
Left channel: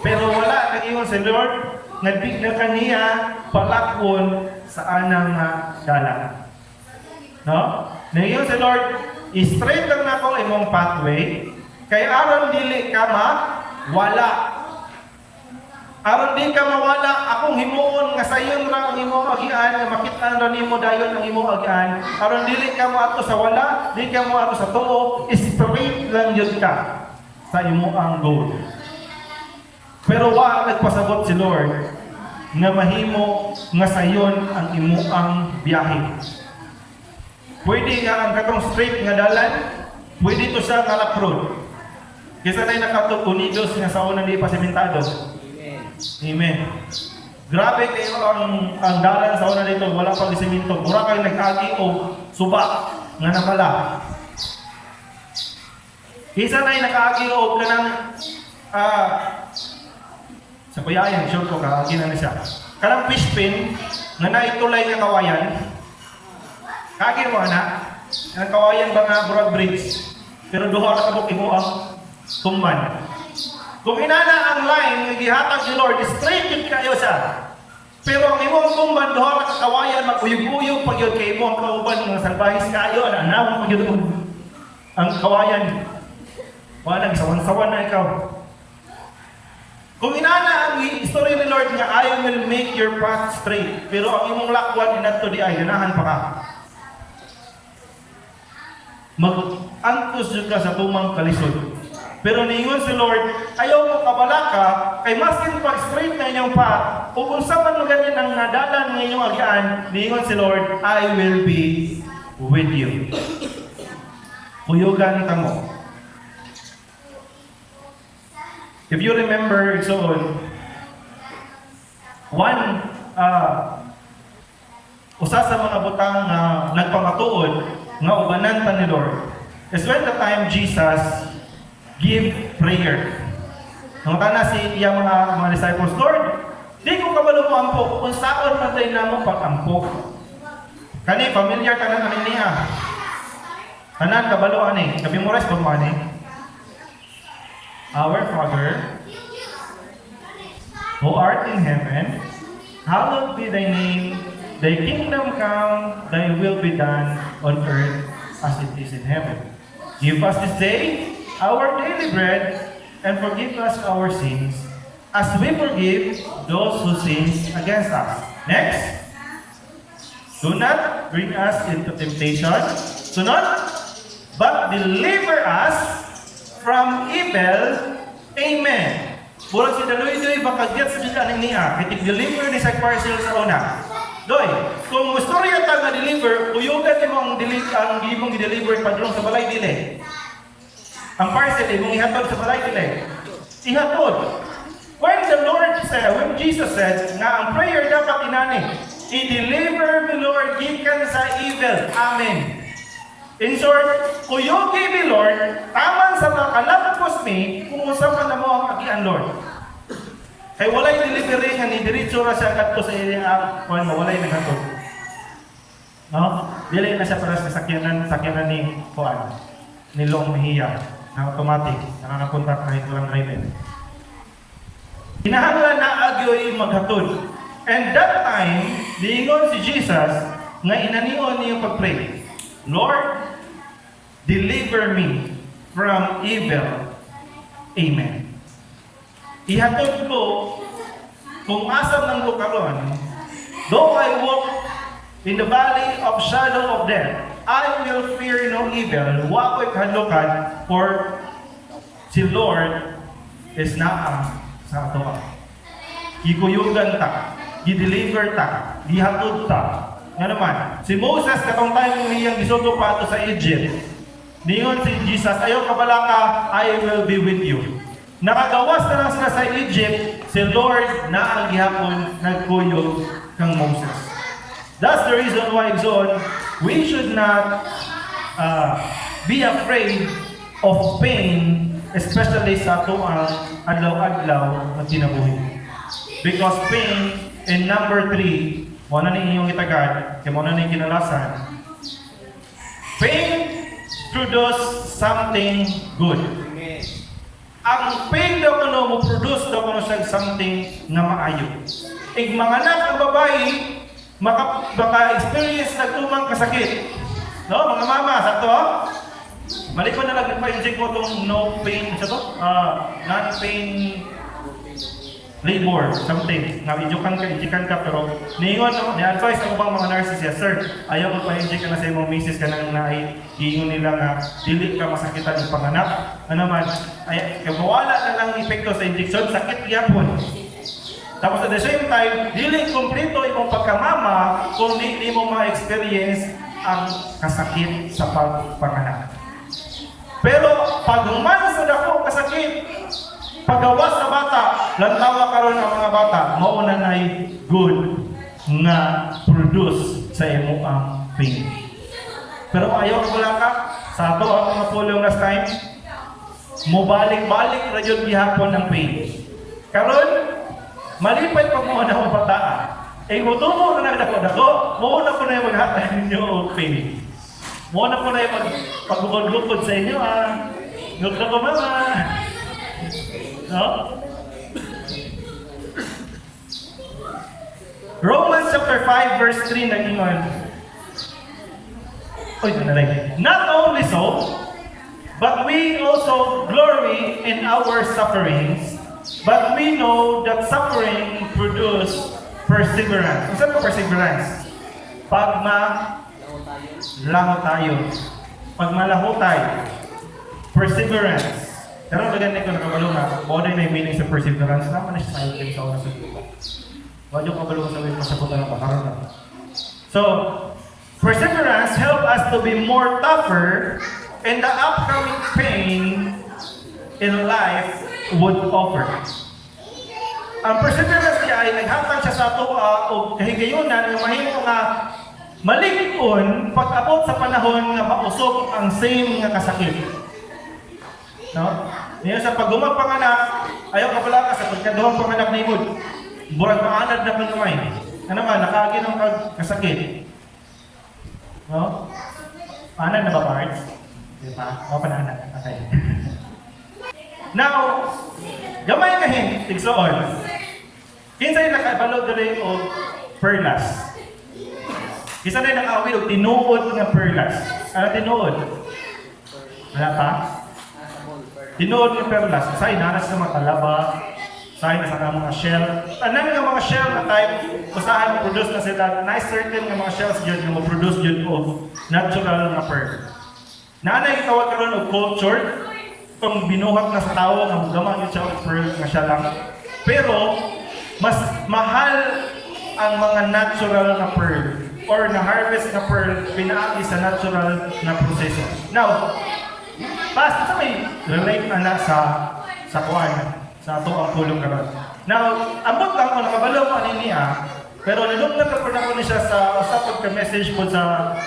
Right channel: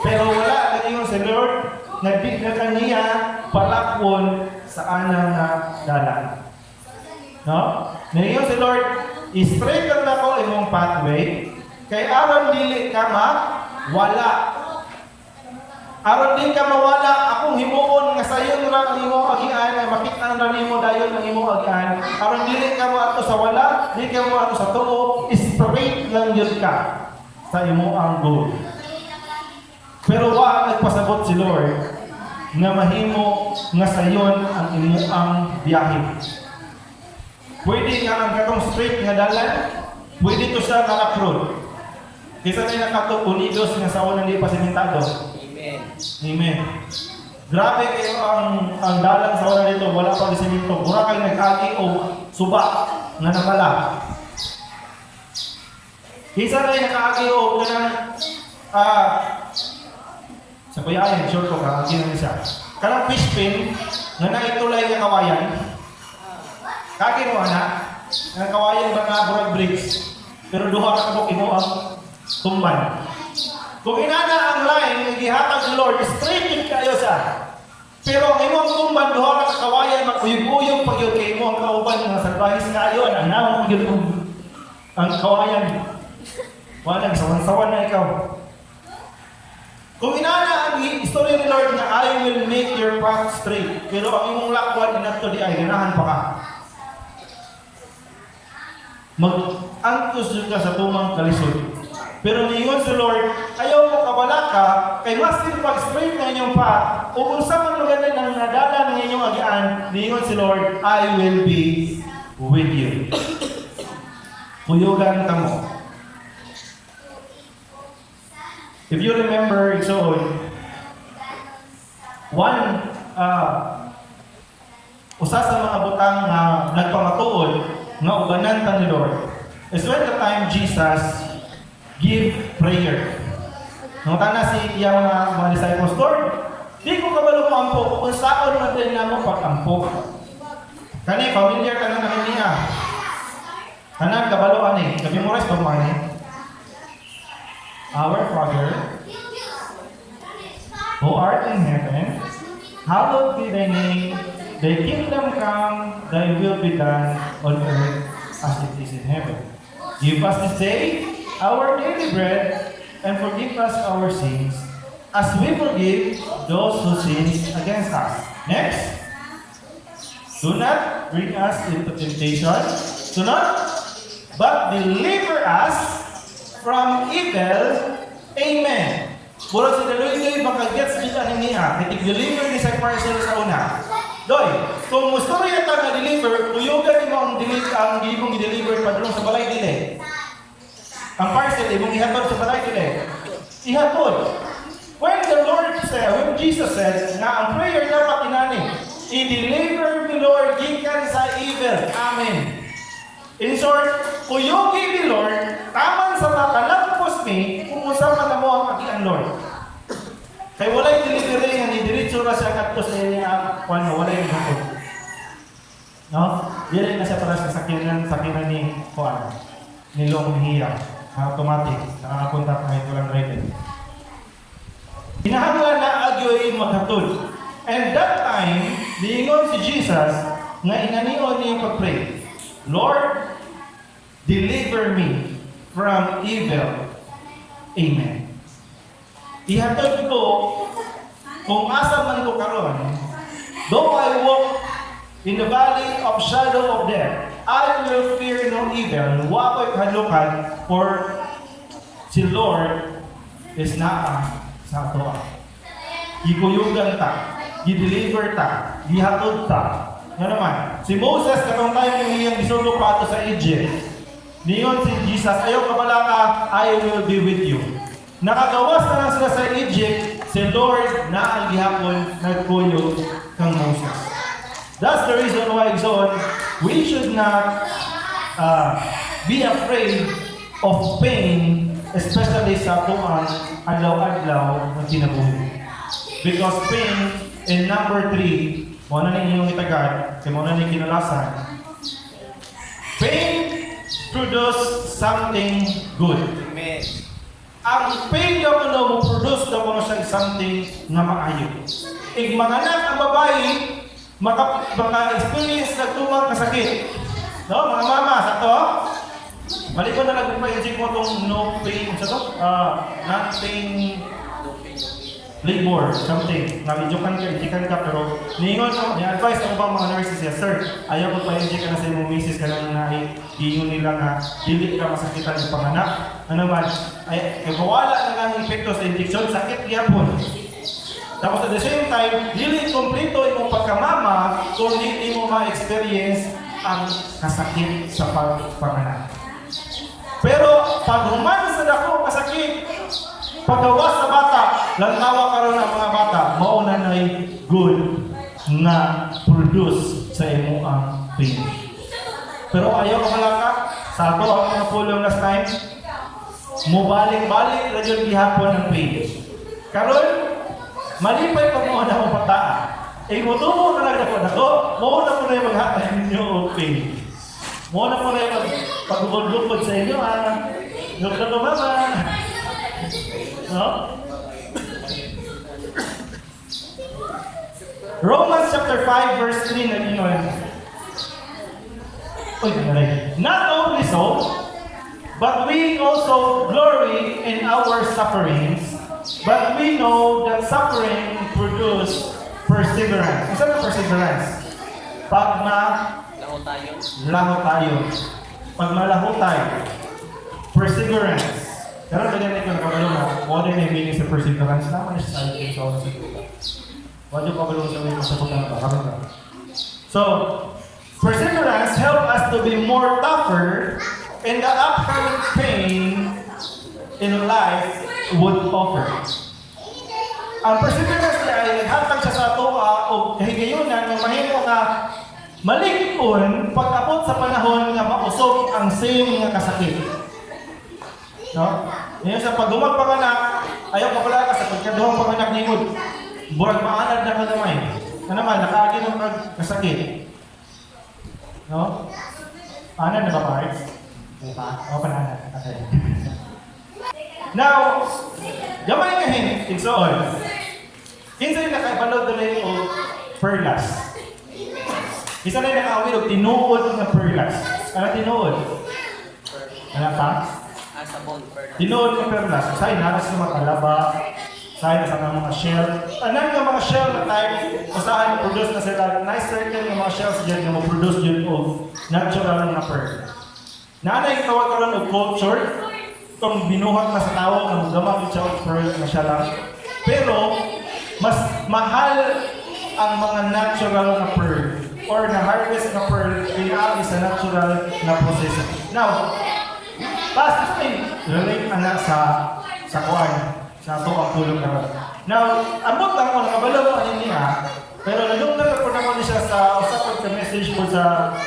Pero wala nag-ingon si Lord nga di na kaniya palakon sa anang dalan. No? Nag-ingon si Lord, straight lang nako imong pathway kay aron dili ka wala. Aron di ka mawala, akong himuon nga sayon ra nimo agian, nga makit-an ra nimo dayon ang imo agian. Aron dili ka mo ato sa wala, di ka mo ato sa tuo, straight lang yun ka sa imo ang goal. Pero wa nagpasabot si Lord nga mahimo nga sayon ang imo ang biyahe. Pwede nga ang katong straight nga dalan, pwede to sa kalap road. Kaysa na nakatog unidos nga sa unang di pasimentado. Amen. Amen. Grabe kayo ang dalan sa una dito, wala pang siminto. Mura kayo nagkagi o suba nga nakala. Kaysa na nakagi o kanang sa kuyayan, sure ko ka, ginang siya. Kanang fish pin nga naitulay nga kawayan. Kagin mo anak, ang kawayan ba nga burag bridge. Pero duha na kabuk imo ang tumban. Kung inana ang line nga gihatag ni Lord, straight yun kayo siya. Pero ang imong tumban duha ka kawayan maguyog-uyog pag yun kay imo ang kauban mga salbahis kayo na anawon pag yun ang kawayan. Wala sawan-sawan na ikaw. Kung inana ang istorya ni Lord nga I will make your path straight, pero ang imong lakwan inadto di ay ganahan pa ka. Mag-antos yun ka sa tumang kalisod. Pero niingon si Lord, ayaw mo kabalaka, kay maskin pag straight na inyong path, o kung sa man ganyan ang nadalan ng inyong agian, niingon si Lord, I will be with you. Tuyugan ka mo. If you remember, so usa sa mga butang nagpamatuod nga ubanan ta ni Lord is when the time Jesus give prayer. Ang kana si iyang mga disciples, Lord, di ko kabalo mo ampo, kung saan man tayo na mo pag-ampo. Kani, familiar ka na namin niya. Kanan, kabalo, ani. Nabimores pa mo, ani. Our Father, who art in heaven, hallowed be thy name. Thy kingdom come, thy will be done on earth as it is in heaven. Give us this day our daily bread, and forgive us our sins, as we forgive those who sin against us. Next, do not bring us into temptation, but deliver us from evil. Amen. Murag si Daloy-Doy, baka gets kita niya. Kaya deliver ni sa parcel sa una. Doy, kung istorya ta nga deliver, tuyugan mo ang gibong i-deliver padulong sa balay dili. Ang parcel, imong ihatod sa balay dili. Ihatod. When Jesus said, na ang prayer dapat inani, i-deliver me Lord, gikan sa evil. Amen. In short, kuyugi mi Lord, taman sa mga kalapos mi, kumusaman na mo ang agian Lord. Kay walay delivery nga ni diretso ra siya kadto sa iyang walay naghatod. No? Dili na siya para sa sakyanan ni Juan. Ni Long Mejia na automatic, nakakapunta kahit walang driver. Kinahanglan na agyoy maghatod. And that time, diingon si Jesus nga inanion niyang pag-pray, Lord, deliver me from evil. Amen. Ihatod ko kung asa man ko karon, though I walk in the valley of shadow of death, I will fear no evil. Wa ko'y kahadlukan, for si Lord is naa sa ato. Gikuyugan ta, gideliver ta, gihatod ta. Nga naman, si Moses na kung tayo mo niyang gisugod pa ato sa Egypt, niyon si Jesus, ayaw kabala ka, I will be with you. Nakagawas na lang sila sa Egypt, si Lord na ang gihapon nagkuyog kang Moses. That's the reason why, Exon, we should not be afraid of pain, especially sa ato ang adlaw-adlaw na kinabuhi. Because pain, in number 3, muna na inyong itagad, kaya muna na kinalasan, pain produce something good. Amen. Ang pain daw mo produce daw siya something na maayo. Ig mga anak ang babae, maka-experience na tumang kasakit. No, mga mama, sa to, balik ko na lang pa-inject mo itong no pain, sa to, non-pain labor, something. Nabidyokan ka, injikan ka, pero niingon, ni-advise ng mga nurses siya, sir, ayaw ko pa-inject ka na sa imong misis ka lang na iingon nila nga, dili ka masakitan ng panganak. Ano man, ay mawala na lang epekto sa injection, sakit yan po. Tapos at the same time, dili kompleto imong pagkamama kung di mo ma-experience ang kasakit sa pagpanganak. Pero pag human sa dako kasakit, pagawas sa bata, lantawa karon ang mga bata, mauna na good nga produce sa imo ang pain. Pero ayaw ka pala ka, sa ato ang mga polio last time, mubalik-balik na yun gihapon ang pain. Karon, malipay pag mo na ang bata, mutumo na nagdako-dako, mauna po na yung maghatay ninyo o pain. Mauna po na yung pagubod-lukod sa inyo, look na ba ba? No? Romans chapter 5 verse 3 nag-ingon. Not only so, but we also glory in our sufferings, but we know that suffering produces perseverance. Isa ba perseverance? Pag malaho tayo. Pag malaho tayo. Perseverance. Pero ganyan ko nakabalo na. Kung ano yung meaning sa perseverance, naman na siya sa ating sa oras ito. Wala ko kabalo sa mga masabot ng pakaroon. So, perseverance help us to be more tougher and the upcoming pain in life would offer. Ang perseverance niya ay naghatag siya sa ato o kahigayunan na mahimo nga maligpon pag-abot sa panahon nga mausog ang same nga kasakit. No? Ngayon sa pagdumag panganak, ayaw ka pala ka sa pagkadumag panganak ni Good. Burag maanad na kalumay. Ano naman, nakaagi ng kasakit. No? Anad na ba parts? Diba? O pananad. Okay. Now, gamay ka tigsoon. Kinsay nakabalod rin o perlas. Isa na nakawil o tinuod ng perlas. Ano tinuod? Ano pa? Tinuod ng perlas. Isa'y naras sa mga kalaba. Isa'y nasa mga shell. Anong nga mga shell na type usahan na produce na sila. Nice certain mga shells dyan yung produce dyan o natural na pearl. Naanay tawag ka rin o culture. Kung binuhat na sa tao, ang gamang siya o pearl na siya lang. Pero, mas mahal ang mga natural na pearl or na-harvest na pearl pinaagi sa natural na proseso. Now, last sa may relate na sa kuwan, sa ito ang tulog ka. Now, ambot lang ako nakabalaw ko niya, pero nalugnan ako na ko siya sa usapag ka-message ko sa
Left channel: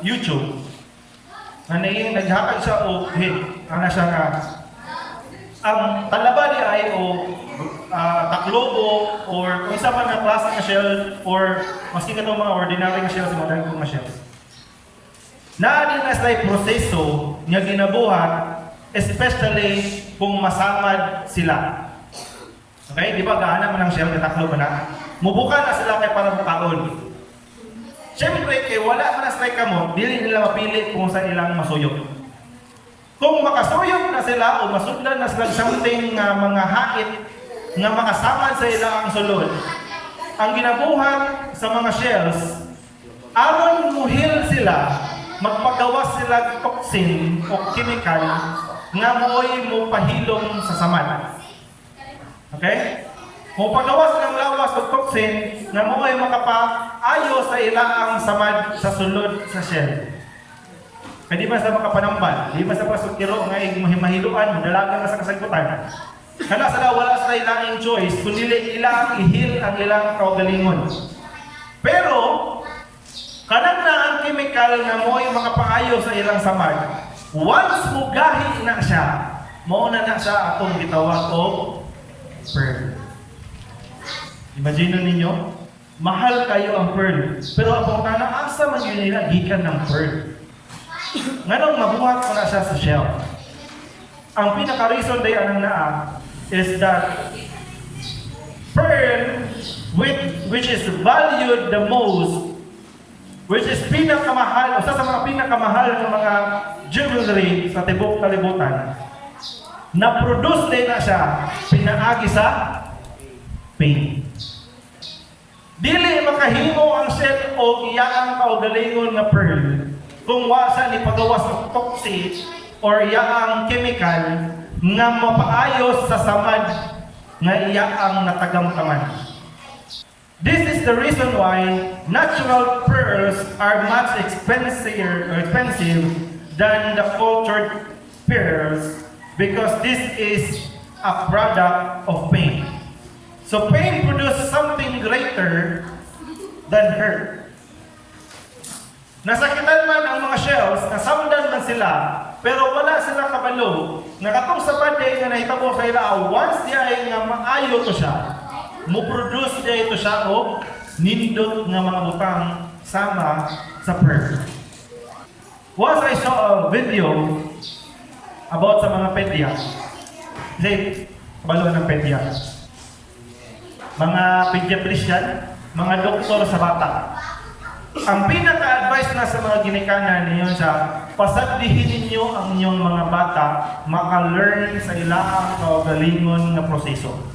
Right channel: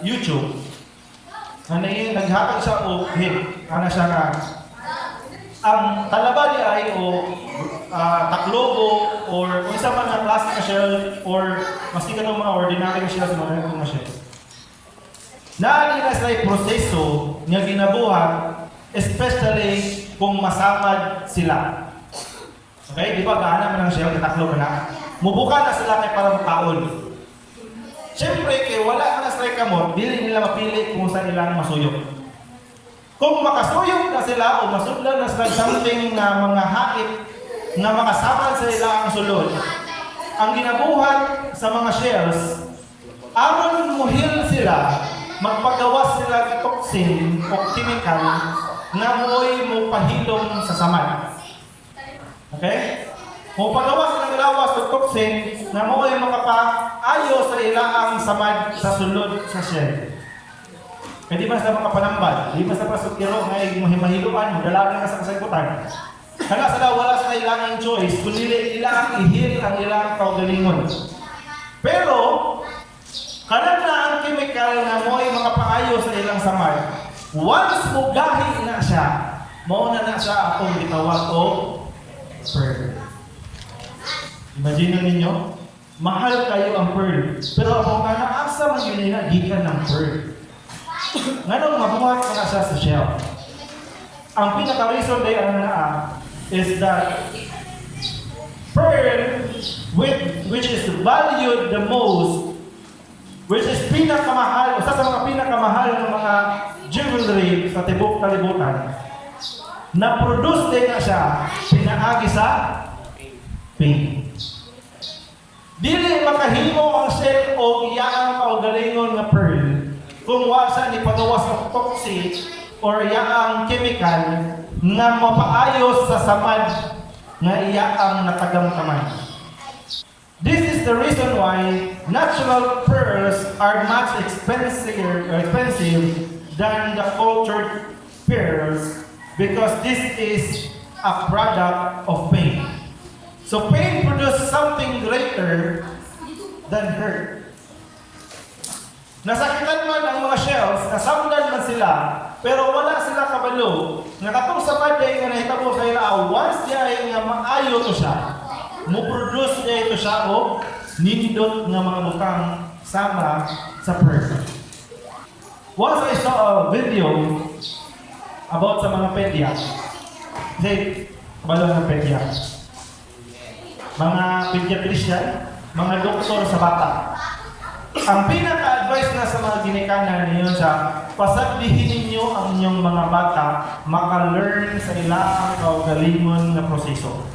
YouTube. Naghatag siya o hit, ana siya nga. Ang kalaba niya ay taklobo or kung isa man na class na shell or maski ka mga ordinary na shells, mga regular na shells. Naani na sa proseso niya ginabuhat, especially kung masangad sila. Okay? Di ba gaana man ang shell, taklobo na. Mubuka na sila kay para makaon. Siyempre, wala ka na strike ka mo, dili nila mapili kung sa ilang masuyok. Kung makasuyok na sila o masudlan na sila something na mga hait nga makasangad sa ilang sulod, ang ginabuhat sa mga shells, aron muhil sila, magpagawas sila ng toxin o chemical nga mo'y mupahilom sa samad. Okay? Kung pagawas ng lawas o toxin nga mo'y makapaayo sa ilaang samad sa sulod sa shell. Kaya di ba sa makapanambal, di ba sa pasukiro nga mahiluan, dalagang ka sa kasagutan. Kana sa daw wala sa ilang choice, kundi ilang ihil ang ilang kaugalingon. Pero, kanang na ang chemical na mo'y makapaayo sa ilang samad, once mo gahi na siya, mauna na siya akong gitawag o pearl. Imagine ninyo, mahal kayo ang pearl, pero ang asa man yun nila, gikan ng pearl. Ngayon, mabuhat ko na siya sa shell. Ang pinaka-reason day ang naa is that pearl, which is valued the most, which is pinakamahal, isa sa mga pinakamahal ng mga jewelry sa tibok kalibutan, na-produce din na siya, pinaagi sa pain. Dili makahimo ang shell o iyaang kaugalingon na pearl kung wasa ni pagawas ng toxic or iyaang chemical nga mapaayos sa samad nga iyaang natagamtaman. This is the reason why natural pearls are much expensive than the cultured pearls, because this is a product of pain. So pain produces something greater than hurt. Nasakitan man ang mga shells, nasamdan man sila, pero wala sila kabalo. Nakatong sa paday nga nahitabo sa ila, once diya ay nga maayo to siya, mo-produce diya ito siya o nindot nga mga bukang sama sa perk. Once I saw a video about sa mga pedya, kasi balo ng pedya, mga pediatrician, mga doktor sa bata. Ang pinaka-advice na sa mga ginikanan ninyo sa pasaglihin ninyo ang inyong mga bata maka-learn sa ilang kaugalingon na proseso.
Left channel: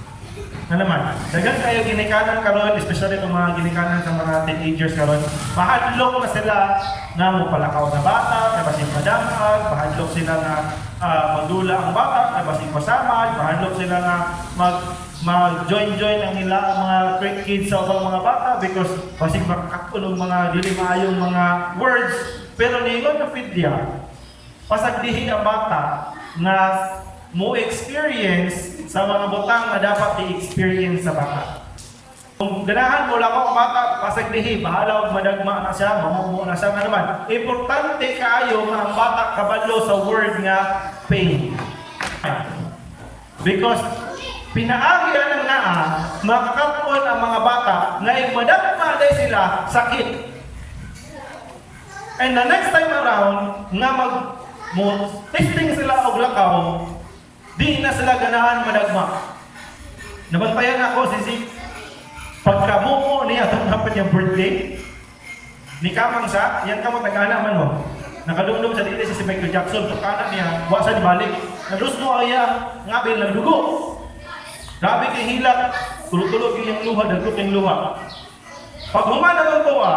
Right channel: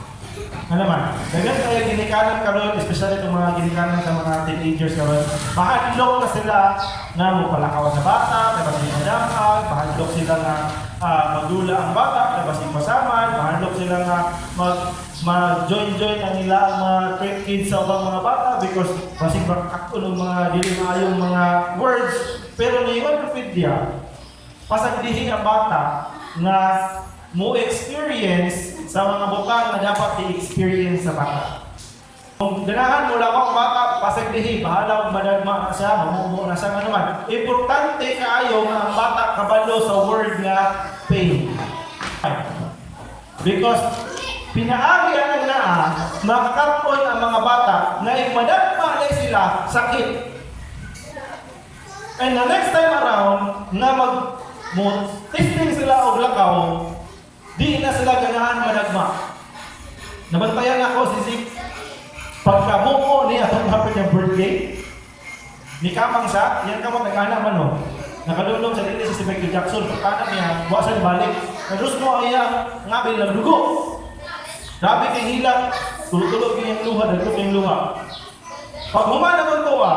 Na naman, dagan kaya ginikanan karon, especially itong mga ginikanan sa mga teenagers karon, mahadlok na sila nga magpalakaw sa bata, nabasing madamag, mahadlok sila nga magdula ang bata, nabasing masamad, mahadlok sila nga mag-join-join ang nila mga trick kids sa mga bata because basing makakatulong mga dili maayong mga words. Pero niyon na pedya, pasaglihin ang bata na mo experience sa mga butang na dapat i-experience sa bata. Kung ganahan mo lang ang bata, pasaglihin, bahala og madagma na siya, mamumo na siya naman. Importante kaayo nga ang bata kabalo sa word nga pain. Because pinaagyan ng naa, makakatpon ang mga bata na madagma na sila sakit. And the next time around, nga testing sila og lakaw, di na sila ganahan madagma. Nabantayan ako si Zeke. Pagkamuko niya itong hapit yung birthday, ni Kamang sa, yan ka matagana man mo. Nakadungdong sa dili si Michael Jackson, pagkanan niya, buwasan balik. Nagros mo kaya, ngabil ng dugo. Grabe kay hilak, tulog-tulog yung luha, dagot yung luha. Pag humana ng tuwa,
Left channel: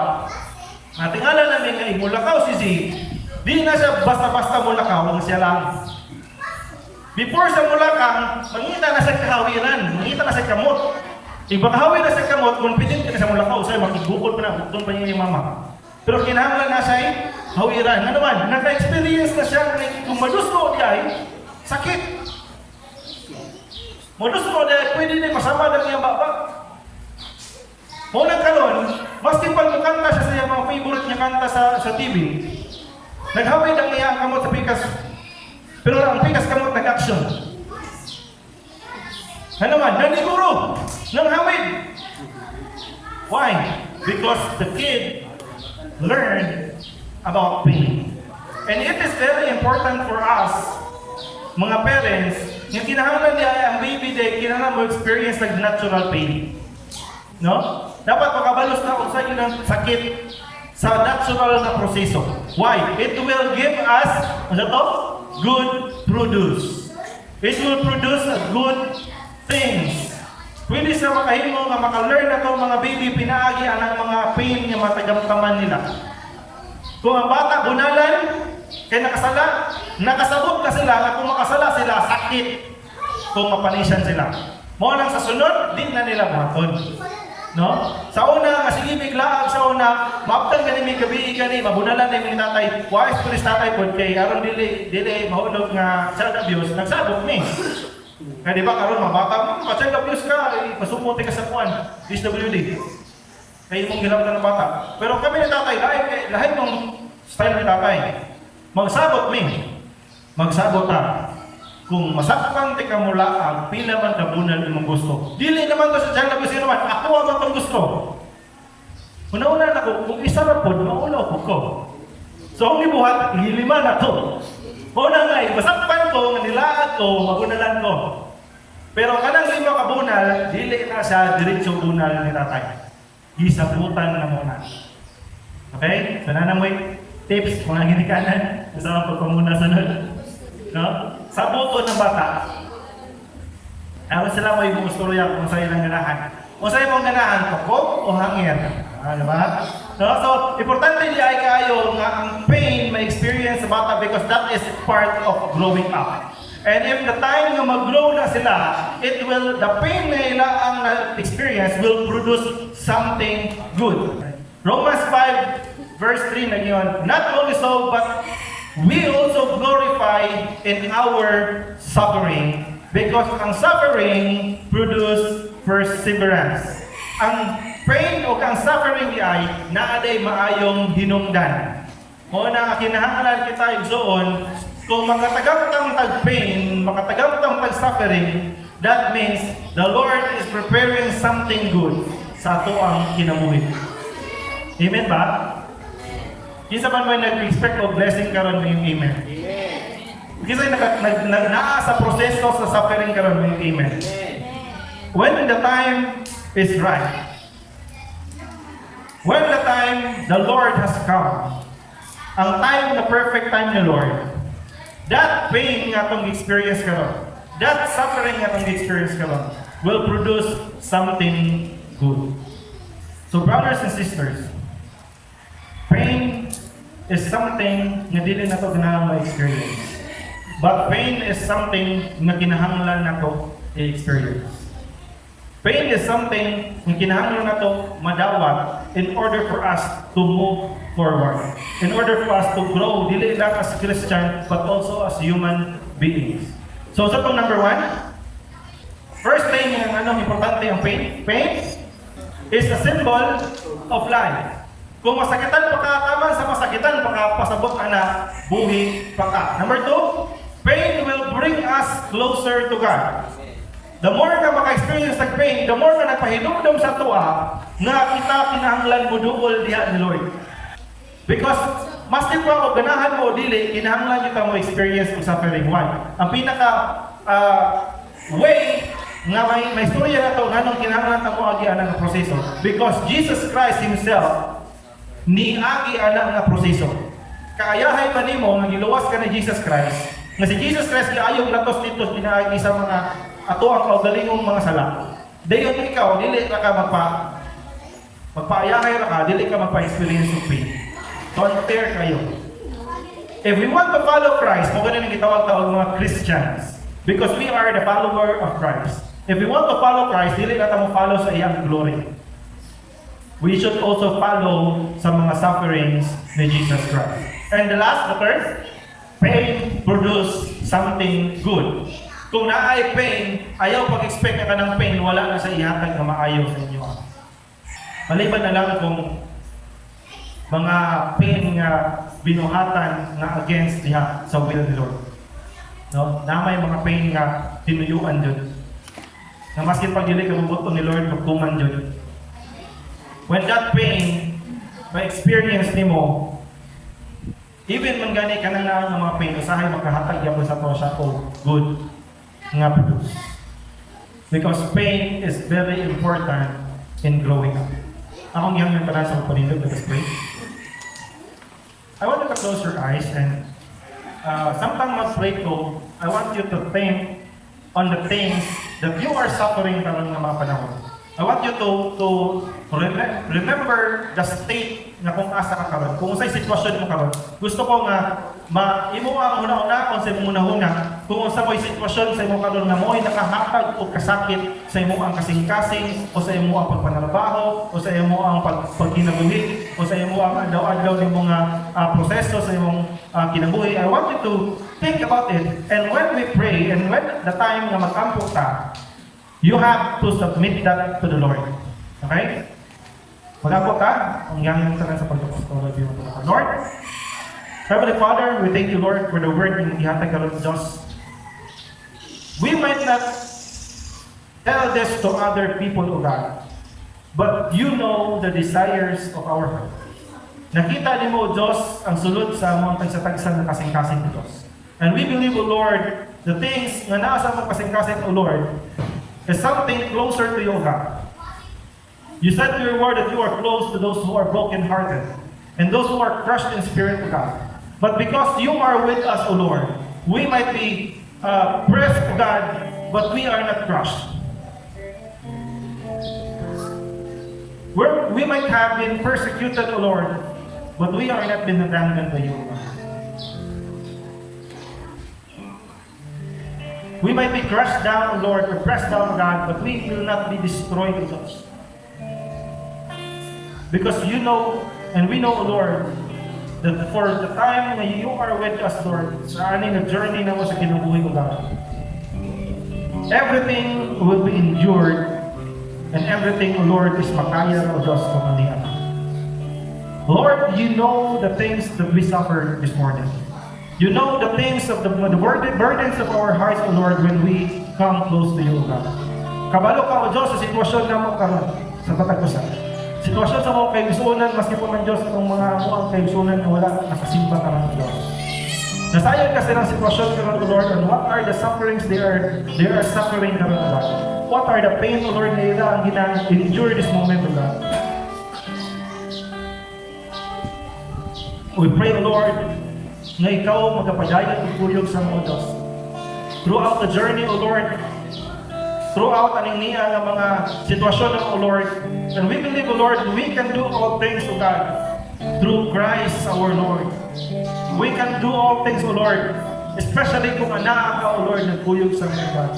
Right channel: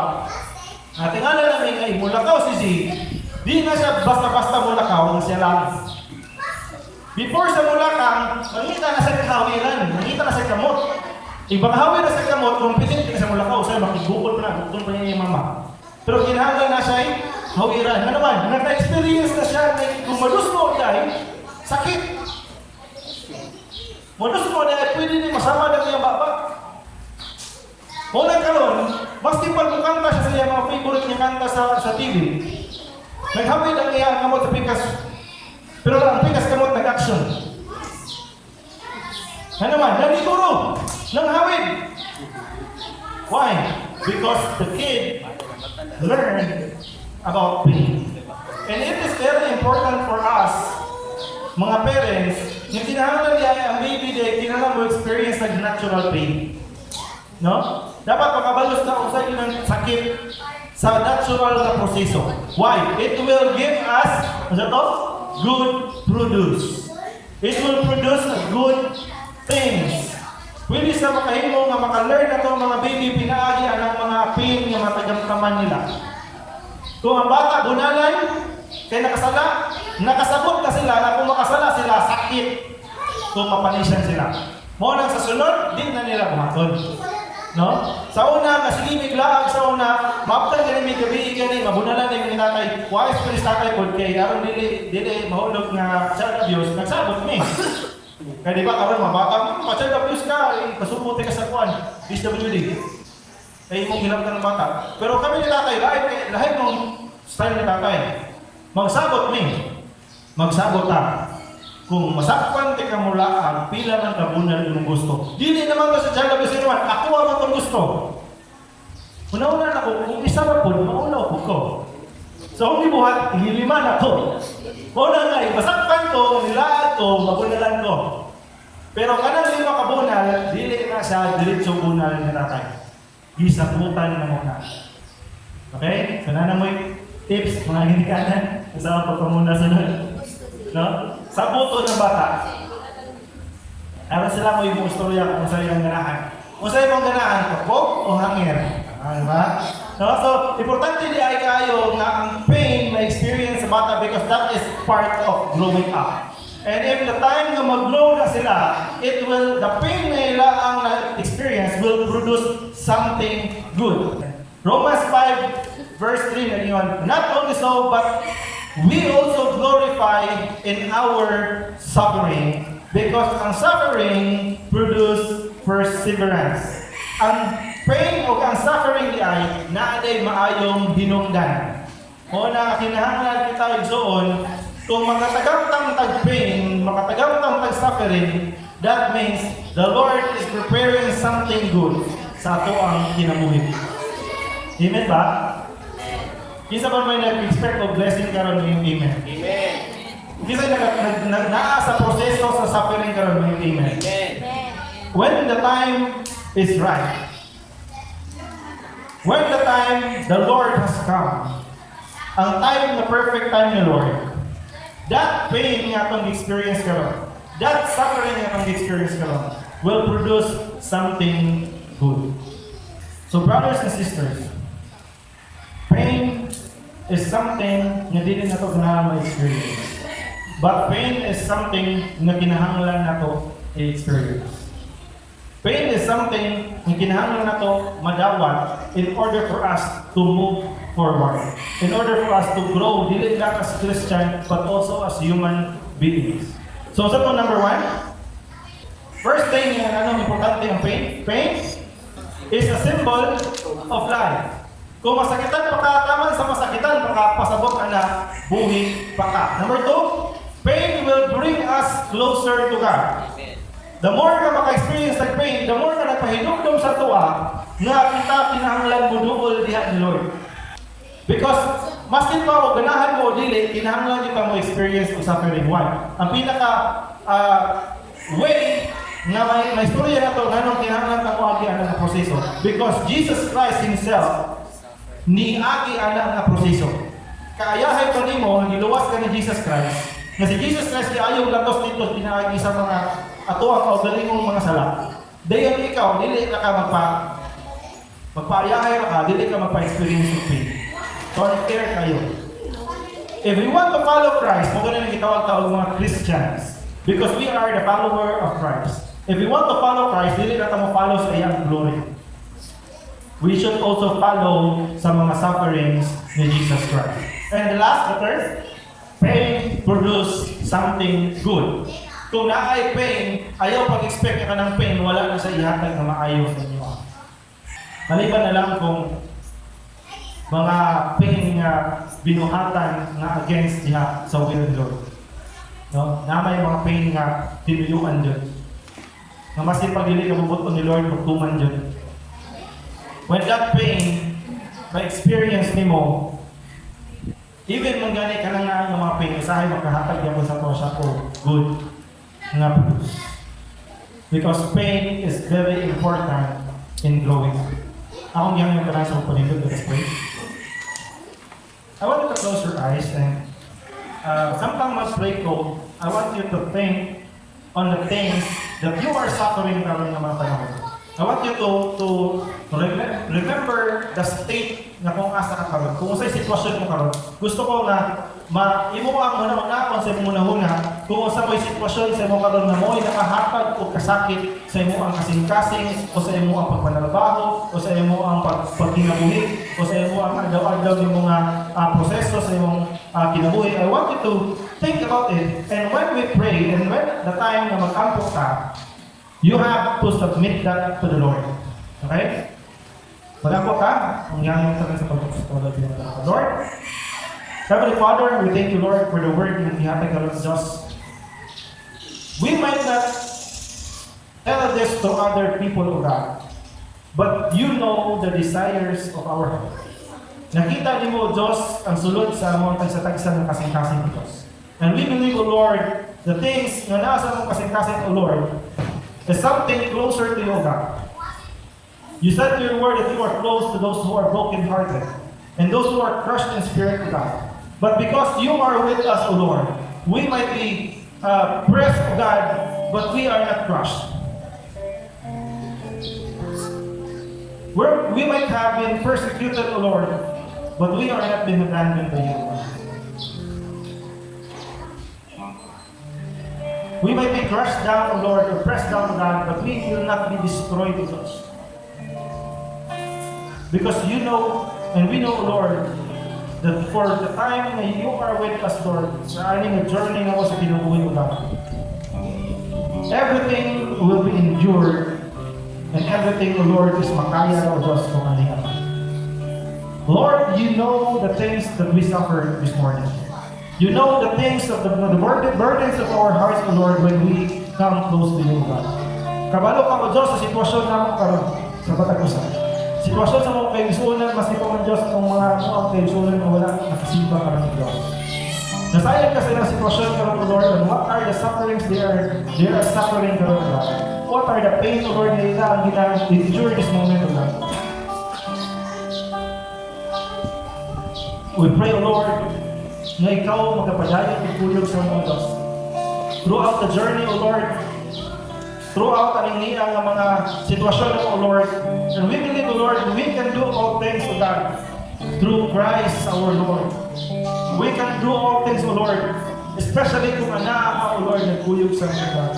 tingala namin ay mulakaw si Zeke, di na siya basta-basta mulakaw, ang siya lang. Before sa mulakang, nangita na siya kahawiran, nangita na siya kamot. Ipaghawi na siya kamot, kung pitin ka sa mulakaw, sa'yo makibukod pa na, bukton pa niya yung mama. Pero kinahanglan na siya ay hawiran. Ano naman, naka-experience na siya, kung madusto niya ay sakit. Madusto dahil pwede din masama ng iyang baba. Unang karon, mas tipag kanta siya sa iyang mga favorite niya kanta sa TV. Naghawid ang iyang kamot sa pikas. Pero ang pikas kamot nag-action. Ano naman, naniguro, nang hawid. Why? Because the kid learned about pain. And it is very important for us, mga parents, yung kinahanglan niya ang baby day, kinahanglan mo experience like natural pain. No? Dapat makabalos na kung sa inyo ng sakit sa natural na proseso. Why? It will give us, ano to? Good produce. It will produce good things. Pwede sa makahimo nga maka-learn na itong mga baby pinaagi ang mga pain nga matagamkaman nila. Kung ang bata bunalan, kaya nakasabot na sila na kung makasala sila, sakit. Kung mapanisan sila. Mo lang sa sunod, di na nila maton. No? Sa una, kasilibig laag sa una, maaptan ka ni gabi gani, mabunalan ni mga tatay, wise po ni tatay po, kay aron dili mahulog na child abuse, nagsabot ni. Kaya di ba karon mabata mo, child abuse ka, pasuputi ka sa kuan, DSWD. Kaya mong ginawa ng bata. Pero kami ni tatay, lahat mong style ni tatay, magsabot ni. Magsabot ta. Kung masakpan ti ka mula ang pila man kabunan imong gusto. Dili naman to sa child abuse naman, ako man tong gusto. Una-una na ko, kung isa ra pod, mauna ko. So kung gibuhat, ilima na to. Una nga, masakpan ko, nilaag ko, magunalan ko. Pero kanang lima kabunal, dili na siya diretso bunal ni tatay. Gisabutan na muna. Okay? So nanang may tips, mga ginikanan, sa pagpamuna sunod. No? Sa buto ng bata, ano sila may istorya kung sa'yo ng ganahan. Kung sa'yo mong ganahan, ko o hangin. Diba? No? So, importante di ay kayo nga ang pain may experience sa bata because that is part of growing up. And if the time na mag-grow na sila, the pain na nila ang experience will produce something good. Romans 5 verse 3 na yun, not only so, but we also glorify in our suffering Because ang suffering produce perseverance. Ang pain o ang suffering ay naaday maayong hinungdan. O na kinahanglan kita igsoon, kung makatagamtang tag-pain, makatagamtang tag-suffering, that means the Lord is preparing something good sa ato ang kinabuhi. Amen ba? Kinsa ba may nag-expect of blessing karon mo yung amen? Amen. Kinsa naa sa proseso sa suffering karon mo yung amen? When the time is right, when the time the Lord has come, ang time, the perfect time ni Lord, that pain nga itong experience ka lang, that suffering nga itong experience ka lang, will produce something good. So brothers and sisters, pain is something na dili na ito kinahanglan ma-experience. But pain is something na kinahanglan na ito i-experience. Pain is something na kinahanglan na ito madawat in order for us to move forward. In order for us to grow, dili lang as Christian, but also as human beings. So, sa number 1, first thing ang importante yung pain. Pain is a symbol of life. Kung masakitan pa ka, tama sa masakitan pa ka, pasabot ka na, buhi pa ka. Number 2, pain will bring us closer to God. The more ka maka-experience ng pain, the more ka nagpahinumdum sa tuwa, nga kita kinahanglan mo duol diha ni Lord. Because maskin pa o ganahan mo o dili, kinahanglan nyo kang experience ng suffering. Why? Ang pinaka way na may istorya na ito, ganong kinahanglan ka mo agi anang proseso. Because Jesus Christ Himself, niagi anang na proseso. Kaayahay pa ni mo, nagiluwas ka ni Jesus Christ, na si Jesus Christ ayaw na tos dito pinaagi sa mga ato ang kaugalingong mga sala. Dayon ikaw, dili ka magpaayahay ka, dili ka magpa-experience ng pain. Don't care kayo. If we want to follow Christ, mo ganun yung gitawag-tawag mga Christians. Because we are the follower of Christ. If we want to follow Christ, dili ka mo follow sa iyang glory. We should also follow sa mga sufferings ni Jesus Christ. And the last, the third, pain produce something good. Kung naay pain, ayaw pag-expect ka ng pain, wala na sa ihatag na maayaw sa inyo. Maliban na lang kung mga pain nga binuhatan na against niya sa will ni Lord. No? Na may mga pain nga tinuyuan dyan. Na maskin pag dili ka mabuto ni Lord, buktungan dyan. When that pain, ma-experience ni mo, even kung gani ka na nga ng mga pain, usahay makahatag yan sa to siya o good nga produce. Because pain is very important in growing up. Akong yang yung parang sa panindog na display. I want you to close your eyes and sometime mag-pray ko, I want you to think on the things that you are suffering karon ng mga panahon. I want you to remember the state na kung asa ka karon. Kung sa'y sitwasyon mo karon, gusto ko nga imuha una-una kung sa imong una kung sa may sitwasyon sa imong karon na mo'y nakahatag o kasakit sa imong kasing-kasing o sa imong pagpanalbaho o sa imong pagkinabuhi o sa imong adlaw-adlaw ng mga proseso sa imong kinabuhi. I want you to think about it, and when we pray and when the time na mag-ampo ka, you have to submit that to the Lord. Okay? Mag-ampo ka, ang yang tangan sa pagkakas. Lord, Heavenly Father, we thank you, Lord, for the word in ihatag karon sa Diyos. We might not tell this to other people, O God, but you know the desires of our heart. Nakita ni mo, Diyos, ang sulod sa mga tagsatagsan ng kasing-kasing ng Diyos. And we believe, O Lord, the things na nasa mga kasing-kasing, O Lord, is something closer to you, O God. You said to your word that you are close to those who are broken-hearted and those who are crushed in spirit, O God. But because you are with us, O Lord, we might be pressed, O God, but we are not crushed. We might have been persecuted, O Lord, but we are not been abandoned by you. We might be crushed down, O Lord, or pressed down, O God, but we will not be destroyed, O God. Because you know, and we know, O Lord, that for the time that you are with us, Lord, sa aning journey na mo sa kinabuhi, O God, everything will be endured, and everything, O Lord, is makaya na, O Diyos, kamandihan. Lord, you know the things that we suffer this morning. You know the things of the burdens of our hearts, O Lord, when we come close to you, God. Kabalo ka, O Diyos, sa sitwasyon namin karon sa Batagusan. Sitwasyon sa mga kaigusunan, maski pa man Diyos, ang mga kaigusunan na wala nakasimba ka ng Diyos. Nasayang kasi ng sitwasyon ka ng Lord, and what are the sufferings they are suffering ka ng Lord? What are the pain, O Lord, na nila ang endure this moment, O Lord? We pray, Lord, na ikaw magkapadayag at tulog sa mga Diyos. Throughout the journey, O Lord, throughout aning niya ng mga sitwasyon ng O Lord, and we believe, O Lord, we can do all things, O God, through Christ our Lord. We can do all things, O Lord, especially kung anaa, O Lord, nagkuyog sa mga God.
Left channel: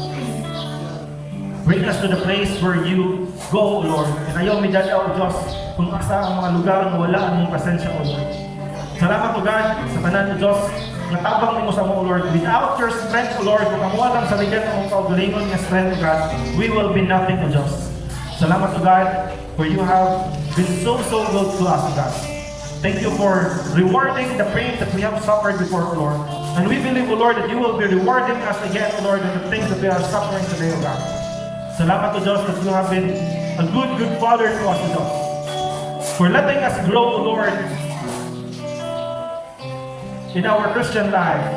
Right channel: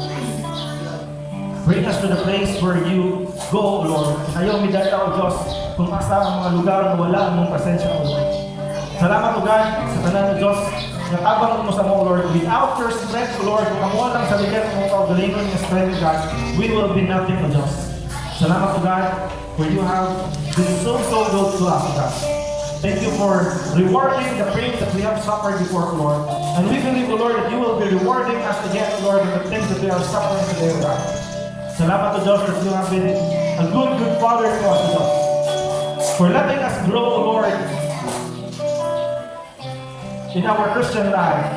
Bring us to the place where you go, O Lord. And ayaw midala, O Diyos, kung asa ang mga lugar na wala ang mong presensya, O Lord. Salamat, O God, sa tanan, O Diyos, na tabang mo sa mo, Lord. Without your strength, O Lord, kung kamuha lang sa ligat mo, kaugalingon ng strength, O God, we will be nothing, O Diyos. Salamat, O God, for you have been so good to us, O God. Thank you for rewarding the pain that we have suffered before, O Lord. And we believe, O Lord, that you will be rewarding us again, O Lord, in the things that we are suffering today, O God. Salamat, O Diyos, that you have been a good Father to us, O Diyos. For letting us grow, O Lord, in our Christian life,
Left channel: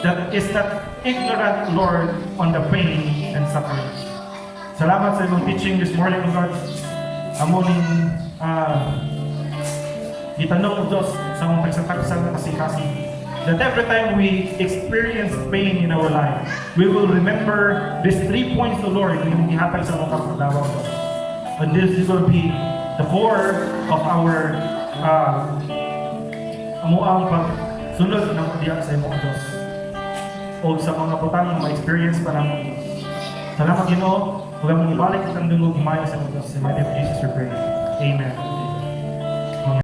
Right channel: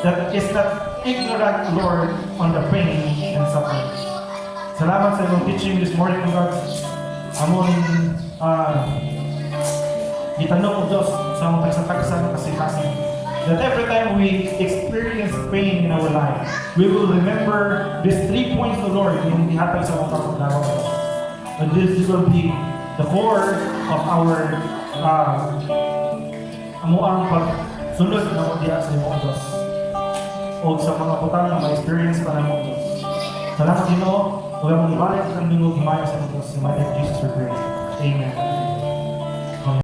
that is not ignorant, Lord, on the pain and suffering. Salamat sa iyong teaching this morning, Lord. Amonin, gitanong, Diyos, sa mga tagsakagsa na kasi that every time we experience pain in our life, we will remember these 3 points, Lord, na hindi hatag sa mga kapagdawa, Diyos. And this will be the core of our amuang pagsunod ng diya sa iyong Diyos o sa mga putang na ma-experience pa ng Diyos. Salamat, Ginoo. Huwag mong ibalik ang dungog himayo sa Diyos. In the name of Jesus we pray. Amen.